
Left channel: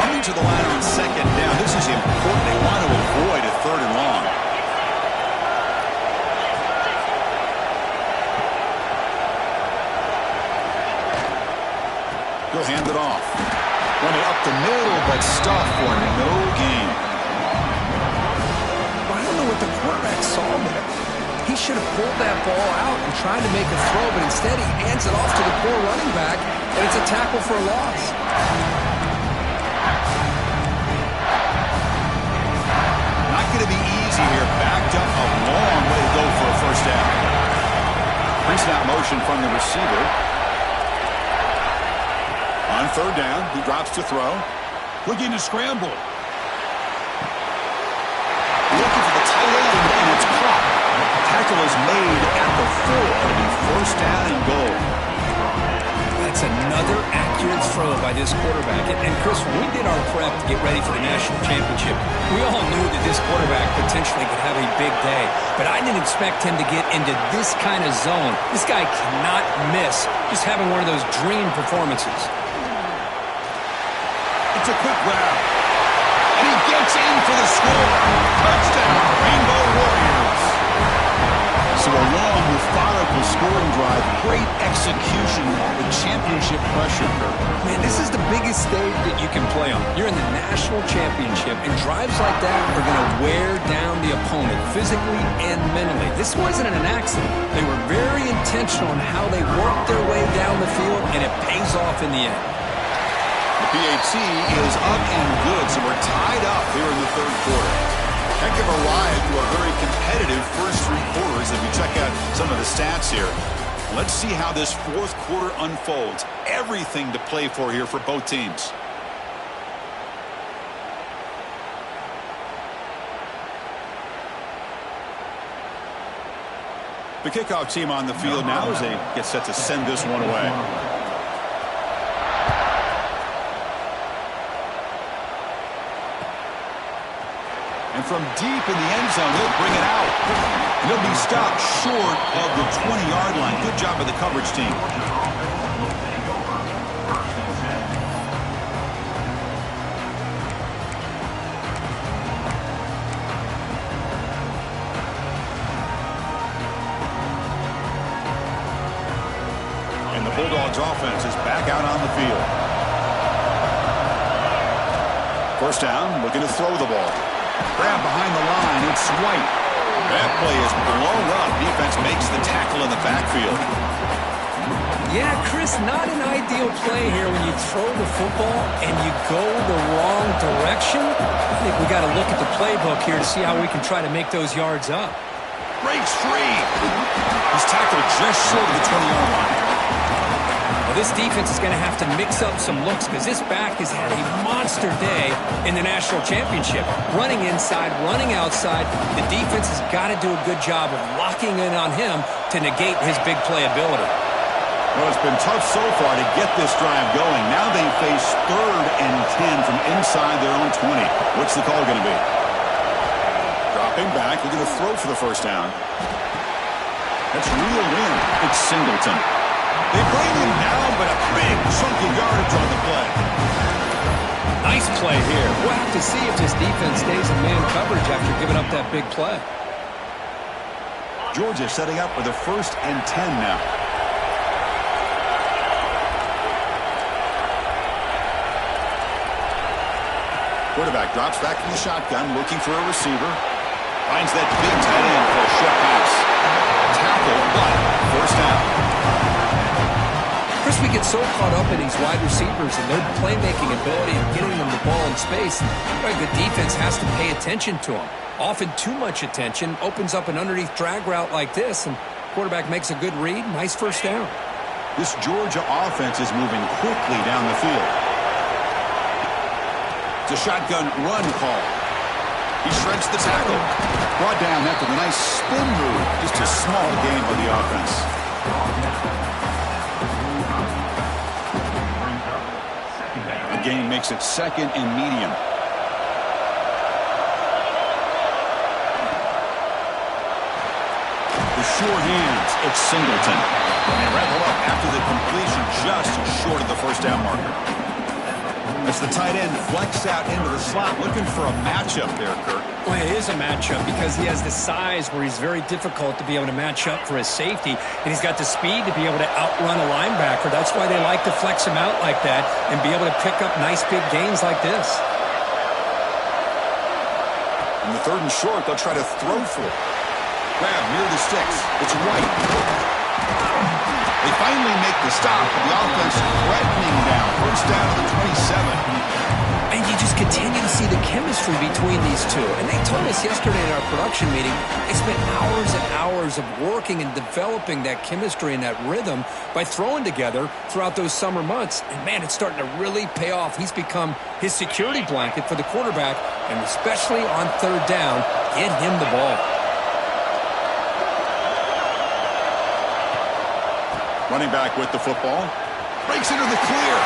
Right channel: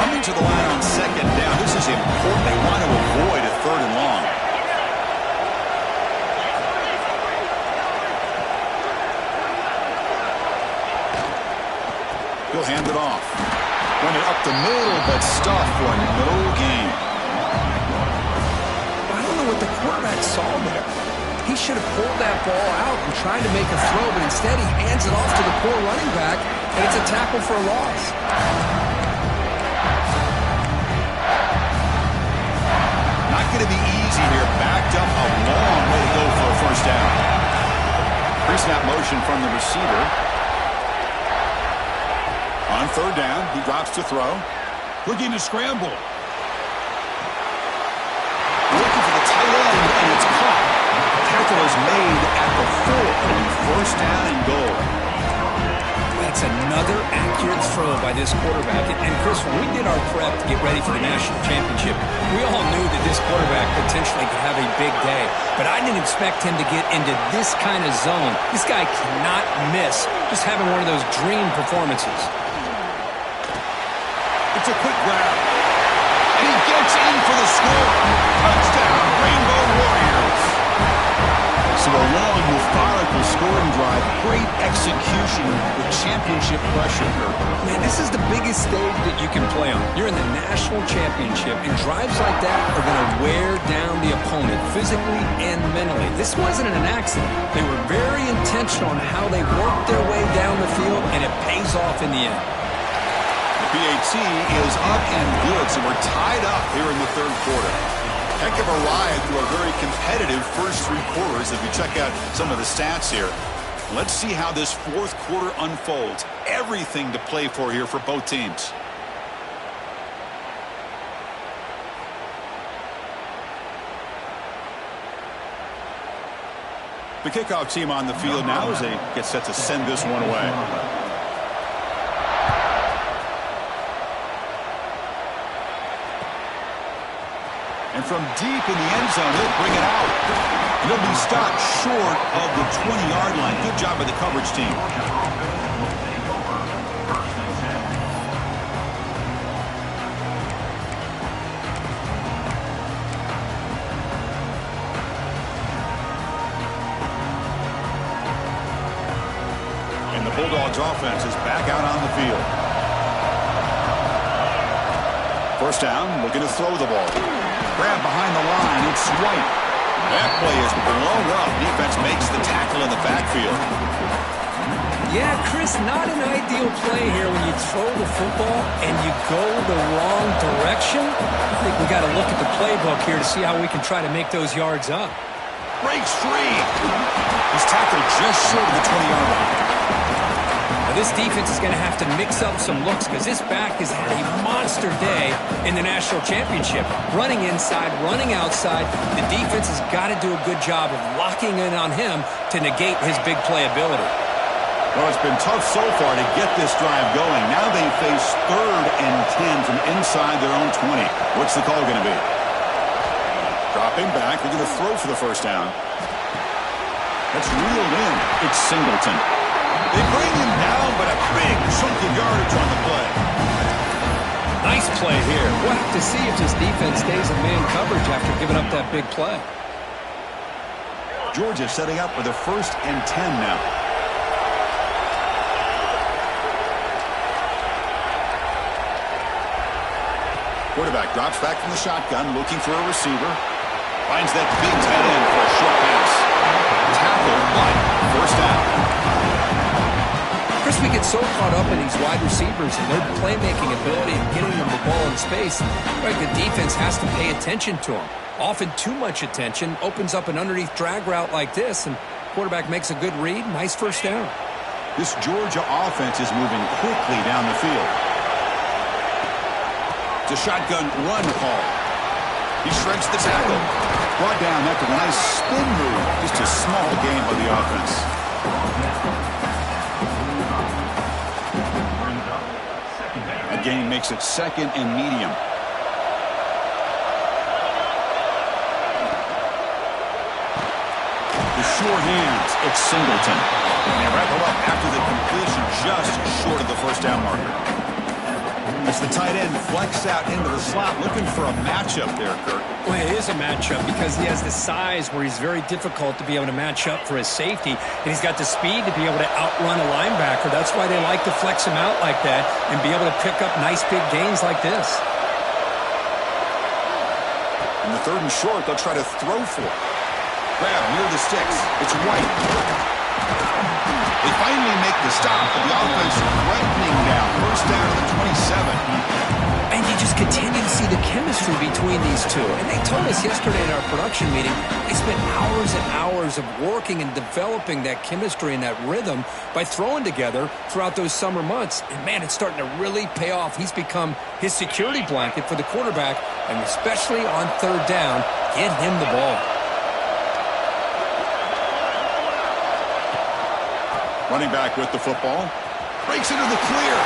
Coming to the line on 2nd down. This is important. They want to avoid a 3rd and long. He'll hand it off. Run it up the middle, but stuff for no gain. What the quarterback saw there. He should have pulled that ball out and tried to make a throw, but instead he hands it off to the poor running back, and it's a tackle for a loss. Not going to be easy here. Backed up a long way to go for a first down. Pre-snap motion from the receiver. On 3rd down, he drops to throw. Looking to scramble. Looking for the tight end, and it's caught. Tackle is made at the 4. It'll be first down and goal. That's another accurate throw by this quarterback. And Chris, when we did our prep to get ready for the national championship, we all knew that this quarterback potentially could have a big day. But I didn't expect him to get into this kind of zone. This guy cannot miss just having one of those dream performances. It's a quick grab. And he gets in for the score. Touchdown, Rainbow Warriors. So a long, methodical scoring drive. Great execution with championship pressure. Man, this is the biggest stage that you can play on. You're in the national championship, and drives like that are going to wear down the opponent physically and mentally. This wasn't an accident. They were very intentional on how they worked their way down the field, and it pays off in the end. The PAT is up and good, so we're tied up here in the 3rd quarter. Heck of a ride through a very competitive first 3 quarters as we check out some of the stats here. Let's see how this 4th quarter unfolds. Everything to play for here for both teams. The kickoff team on the field now as they get set to send this one away. And from deep in the end zone, he'll bring it out. And he'll be stopped short of the 20-yard line. Good job by the coverage team. And the Bulldogs offense is back out on the field. First down, looking to throw the ball. Grab behind the line, it's White. That play is blown up. Defense makes the tackle in the backfield. Yeah, Chris, not an ideal play here when you throw the football and you go the wrong direction. I think we got to look at the playbook here to see how we can try to make those yards up. Breaks free. He's tackled just short of the 20-yard line. this defense is going to have to mix up some looks because this back has had a monster day in the national championship. Running inside, running outside. The defense has got to do a good job of locking in on him to negate his big play ability. Well, it's been tough so far to get this drive going. Now they face 3rd and 10 from inside their own 20. What's the call going to be? Dropping back. They're going to throw for the first down. That's reeled in. It's Singleton. They bring him down, but a big chunk of yardage on the play. Nice play here. We'll have to see if this defense stays in man coverage after giving up that big play. Georgia setting up with a 1st and 10 now. Quarterback drops back from the shotgun, looking for a receiver. Finds that big tight end for a short pass. Tackle, but first down. Chris, we get so caught up in these wide receivers and their playmaking ability and getting them the ball in space. Like the defense has to pay attention to them. Often too much attention opens up an underneath drag route like this, and quarterback makes a good read. Nice first down. This Georgia offense is moving quickly down the field. It's a shotgun run call. He shrinks the tackle. Brought down after the nice spin move. Just a small gain by the offense. A gain makes it 2nd and medium. The sure hands. It's Singleton. And they wrap him up after the completion just short of the first down marker. As the tight end flex out into the slot, looking for a matchup there, Kurt. Well, it is a matchup because he has the size where he's very difficult to be able to match up for his safety, and he's got the speed to be able to outrun a linebacker. That's why they like to flex him out like that and be able to pick up nice big gains like this. In the 3rd and short, they'll try to throw for it. Grab near the sticks. It's White. They finally make the stop, but the offense threatening down. First down to the 27. And you just continue to see the chemistry between these two. And they told us yesterday in our production meeting, they spent hours and hours of working and developing that chemistry and that rhythm by throwing together throughout those summer months. And, man, it's starting to really pay off. He's become his security blanket for the quarterback, and especially on 3rd down, get him the ball. Running back with the football. Breaks into the clear.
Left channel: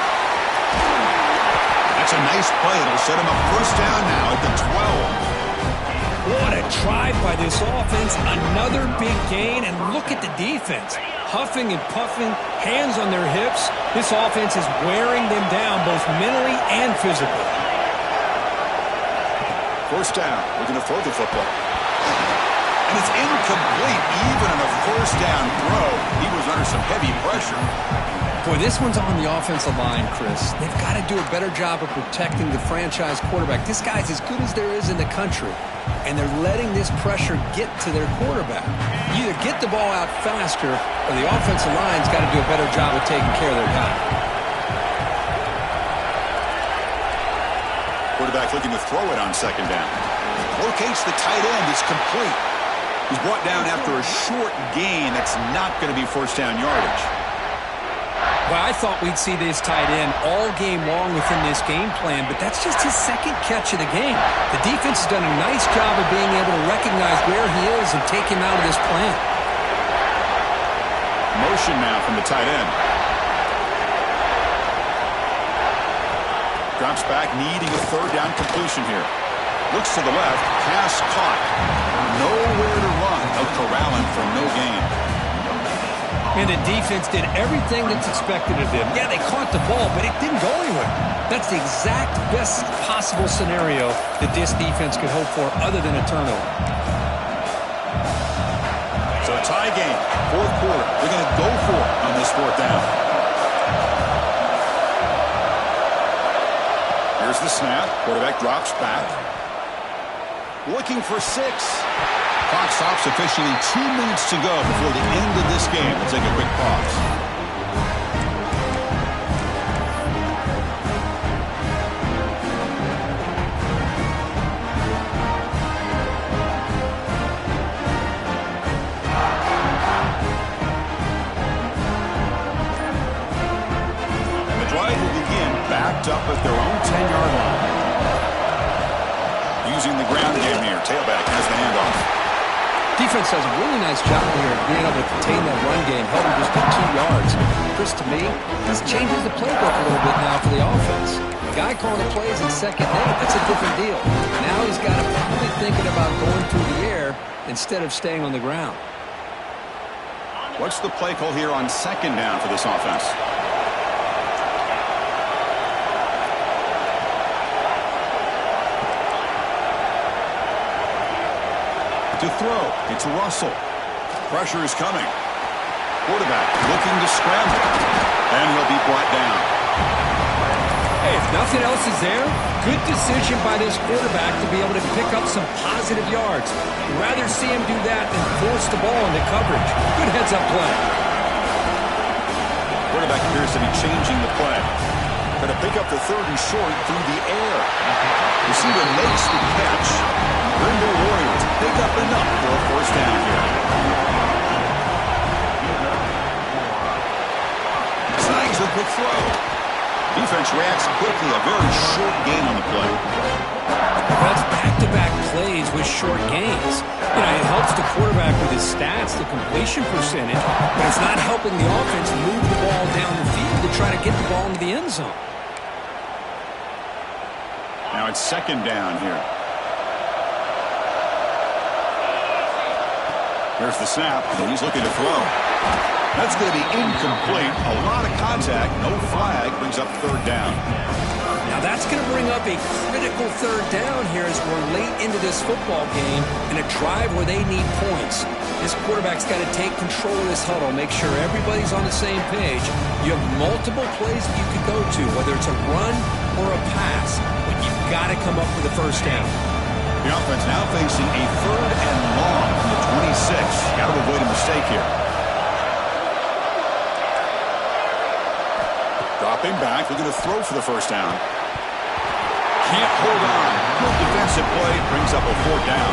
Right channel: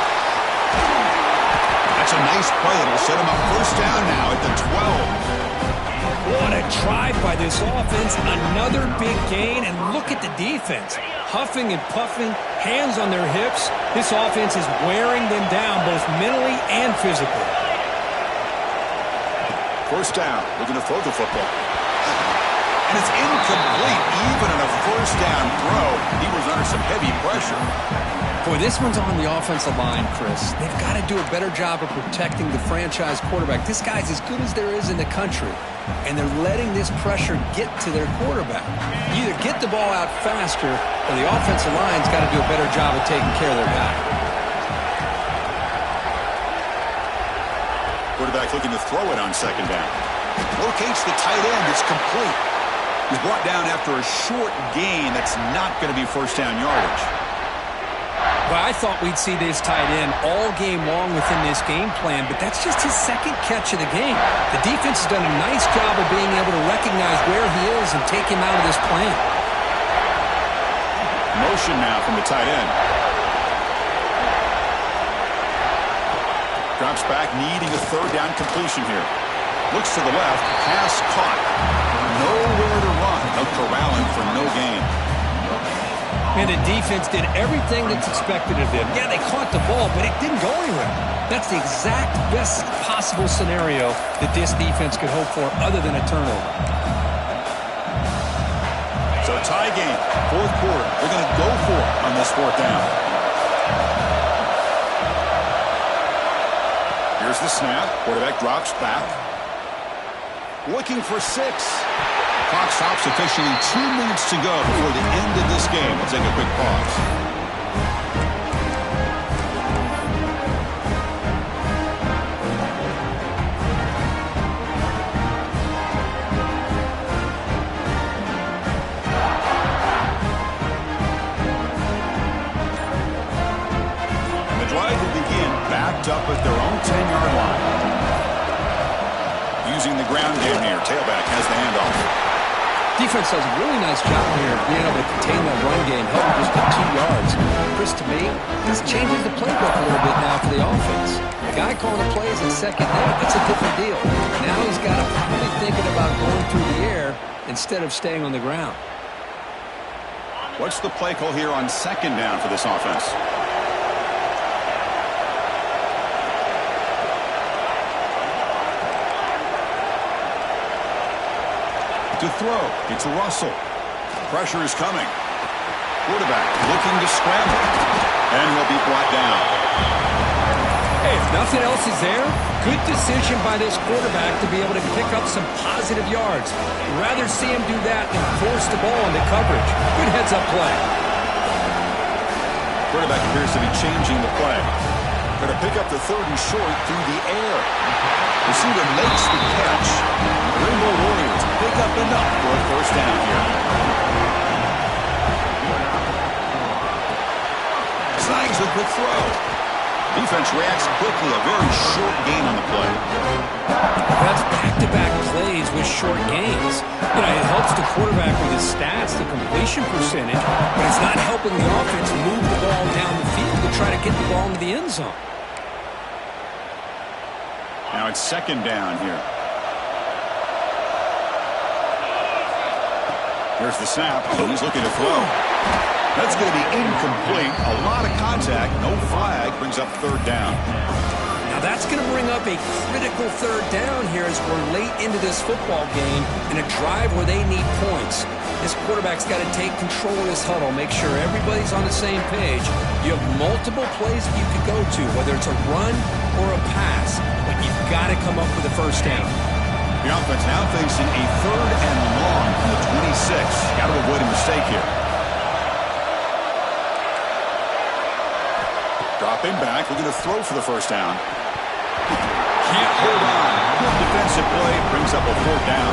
That's a nice play. It'll set him up first down now at the 12. What a drive by this offense. Another big gain, and look at the defense. Huffing and puffing, hands on their hips. This offense is wearing them down both mentally and physically. First down. Looking to throw the football. And it's incomplete even on a first down throw. He was under some heavy pressure. Boy, this one's on the offensive line, Chris. They've got to do a better job of protecting the franchise quarterback. This guy's as good as there is in the country, and they're letting this pressure get to their quarterback. You either get the ball out faster, or the offensive line's got to do a better job of taking care of their guy. Quarterback looking to throw it on 2nd down. Locates the tight end. It's complete. He's brought down after a short gain. That's not going to be first down yardage. Well, I thought we'd see this tight end all game long within this game plan, but that's just his 2nd catch of the game. The defense has done a nice job of being able to recognize where he is and take him out of this plan. Motion now from the tight end. Drops back, needing a 3rd down completion here. Looks to the left, pass caught. Nowhere to run. They'll corral him for no gain. And the defense did everything that's expected of them. Yeah, they caught the ball, but it didn't go anywhere. That's the exact best possible scenario that this defense could hope for other than a turnover. So tie game, 4th quarter. They're going to go for it on this 4th down. Here's the snap. Quarterback drops back. Looking for 6. Clock stops officially 2 minutes to go before the end of this game. We'll take a quick pause. wrapped up at their own 10-yard line. Using the ground game here. Tailback has the handoff. Defense does a really nice job here of being able to contain that run game, held him just to 2 yards. Chris, to me, this changes the playbook a little bit now for the offense. The guy calling the plays at 2nd and 8, that's a different deal. Now he's got to probably thinking about going through the air instead of staying on the ground. What's the play call here on 2nd down for this offense? To throw, it's Russell. Pressure is coming. Quarterback looking to scramble. And he'll be brought down. Hey, if nothing else is there, good decision by this quarterback to be able to pick up some positive yards. I'd rather see him do that than force the ball into coverage. Good heads-up play. Quarterback appears to be changing the play. Going to pick up the 3rd and short through the air. Receiver makes the catch. Rainbow Warriors pick up enough for a 1st down here. Snags a quick throw. Defense reacts quickly. A very short gain on the play. That's back-to-back plays with short gains. You know, it helps the quarterback with his stats, the completion percentage, but it's not helping the offense move the ball down the field to try to get the ball into the end zone. Now it's 2nd down here. Here's the snap, and he's looking to throw. That's going to be incomplete. A lot of contact, no flag, brings up 3rd down. Now that's going to bring up a critical 3rd down here as we're late into this football game in a drive where they need points. This quarterback's got to take control of this huddle, make sure everybody's on the same page. You have multiple plays that you could go to, whether it's a run or a pass, but you've got to come up with a 1st down. The offense now facing a 3rd and long from the 26. Got to avoid a mistake here. Dropping back, looking to throw for the 1st down. Can't hold on. Good defensive play, brings up a 4th down.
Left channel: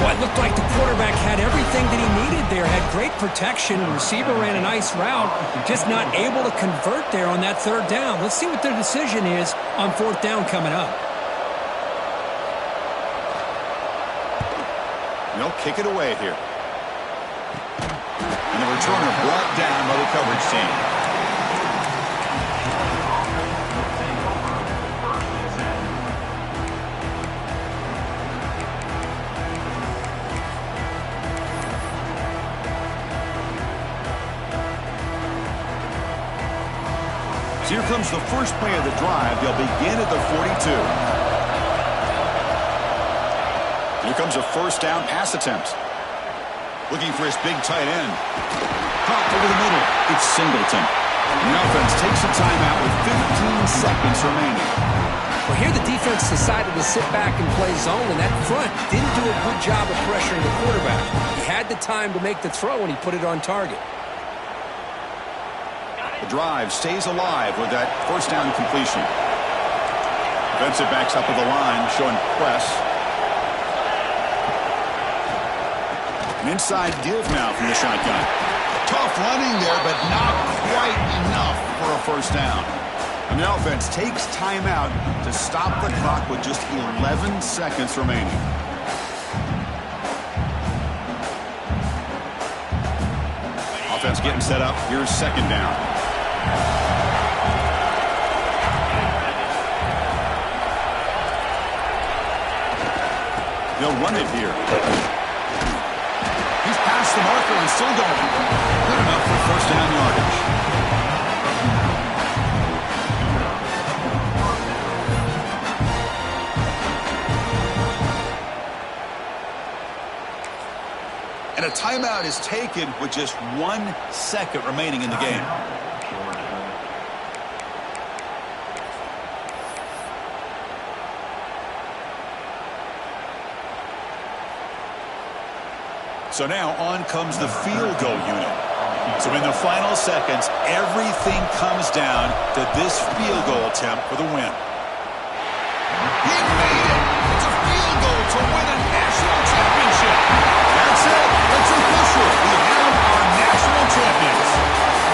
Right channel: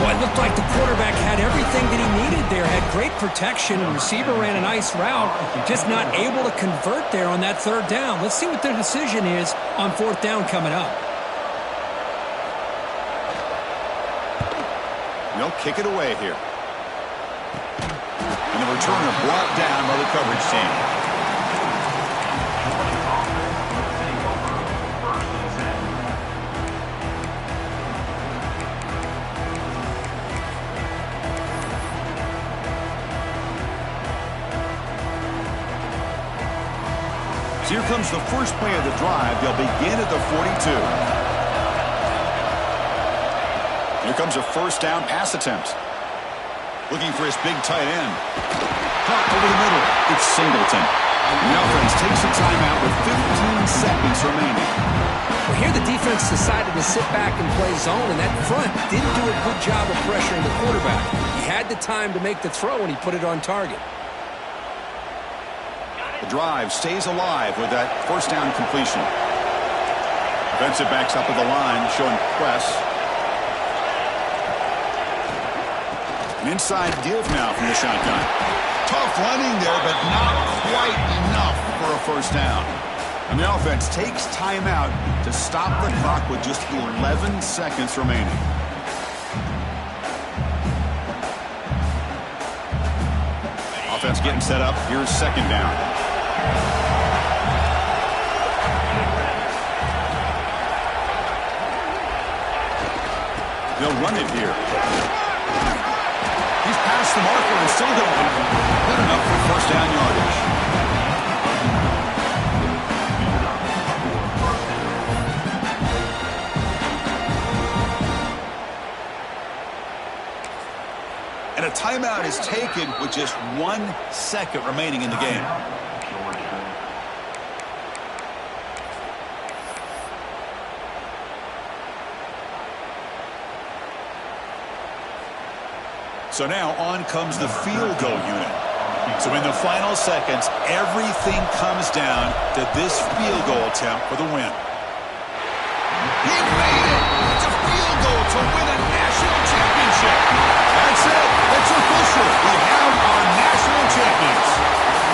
Well, it looked like the quarterback had everything that he needed there, had great protection. The receiver ran a nice route, just not able to convert there on that 3rd down. Let's see what their decision is on 4th down coming up. They'll kick it away here. And the returner brought down by the coverage team. So here comes the first play of the drive. They'll begin at the 42. Here comes a 1st down pass attempt. Looking for his big tight end. Caught over the middle. It's Singleton. The offense takes a timeout with 15 seconds remaining. Well, here the defense decided to sit back and play zone, and that front didn't do a good job of pressuring the quarterback. He had the time to make the throw, and he put it on target. The drive stays alive with that 1st down completion. Defensive backs up at the line, showing press. An inside give now from the shotgun. Tough running there, but not quite enough for a 1st down. And the offense takes timeout to stop the clock with just 11 seconds remaining. Offense getting set up. Here's 2nd down. They'll run it here. He's past the marker and still going. Good enough for 1st down yardage. And a timeout is taken with just 1 second remaining in the game. So now on comes the field goal unit. So in the final seconds, everything comes down to this field goal attempt for the win. He made it! It's a field goal to win a national championship. That's it. It's official. We have our national champions.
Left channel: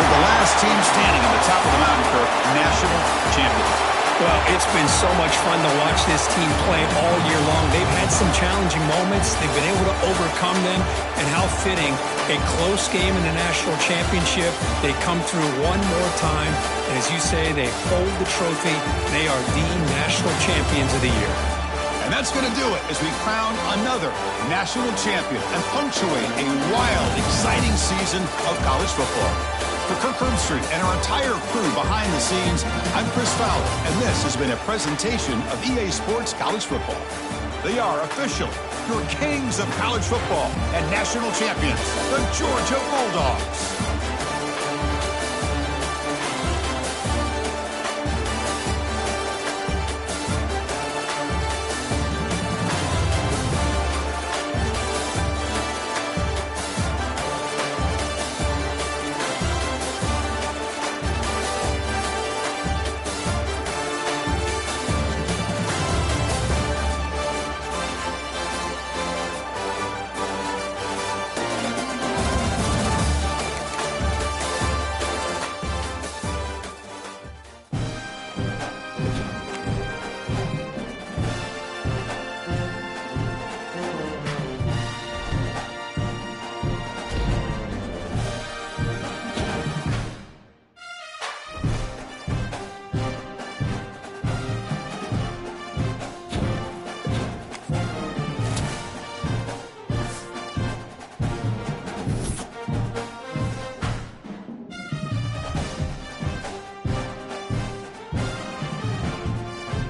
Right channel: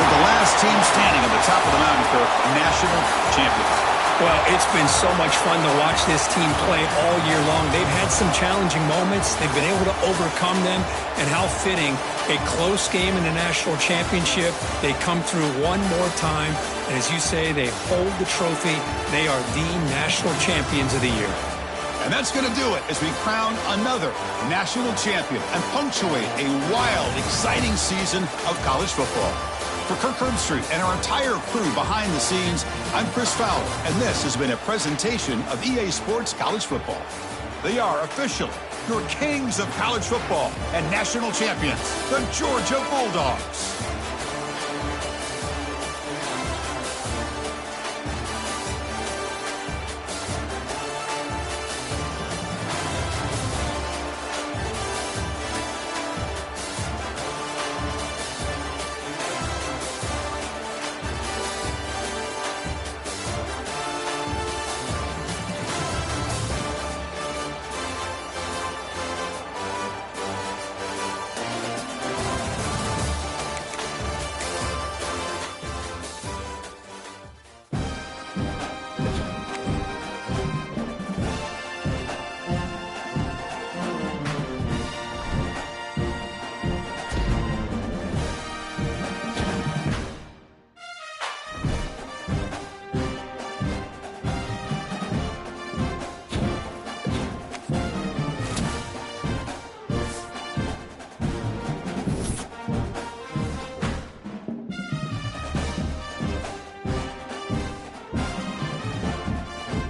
For the last team standing on the top of the mountain, Kirk, national champions. Well, it's been so much fun to watch this team play all year long. They've had some challenging moments. They've been able to overcome them. And how fitting, a close game in the national championship. They come through one more time. And as you say, they hold the trophy. They are the national champions of the year. And that's going to do it as we crown another national champion and punctuate a wild, exciting season of college football. For Kirk Herbstreit and our entire crew behind the scenes, I'm Chris Fowler, and this has been a presentation of EA Sports College Football. They are officially your kings of college football and national champions, the Georgia Bulldogs.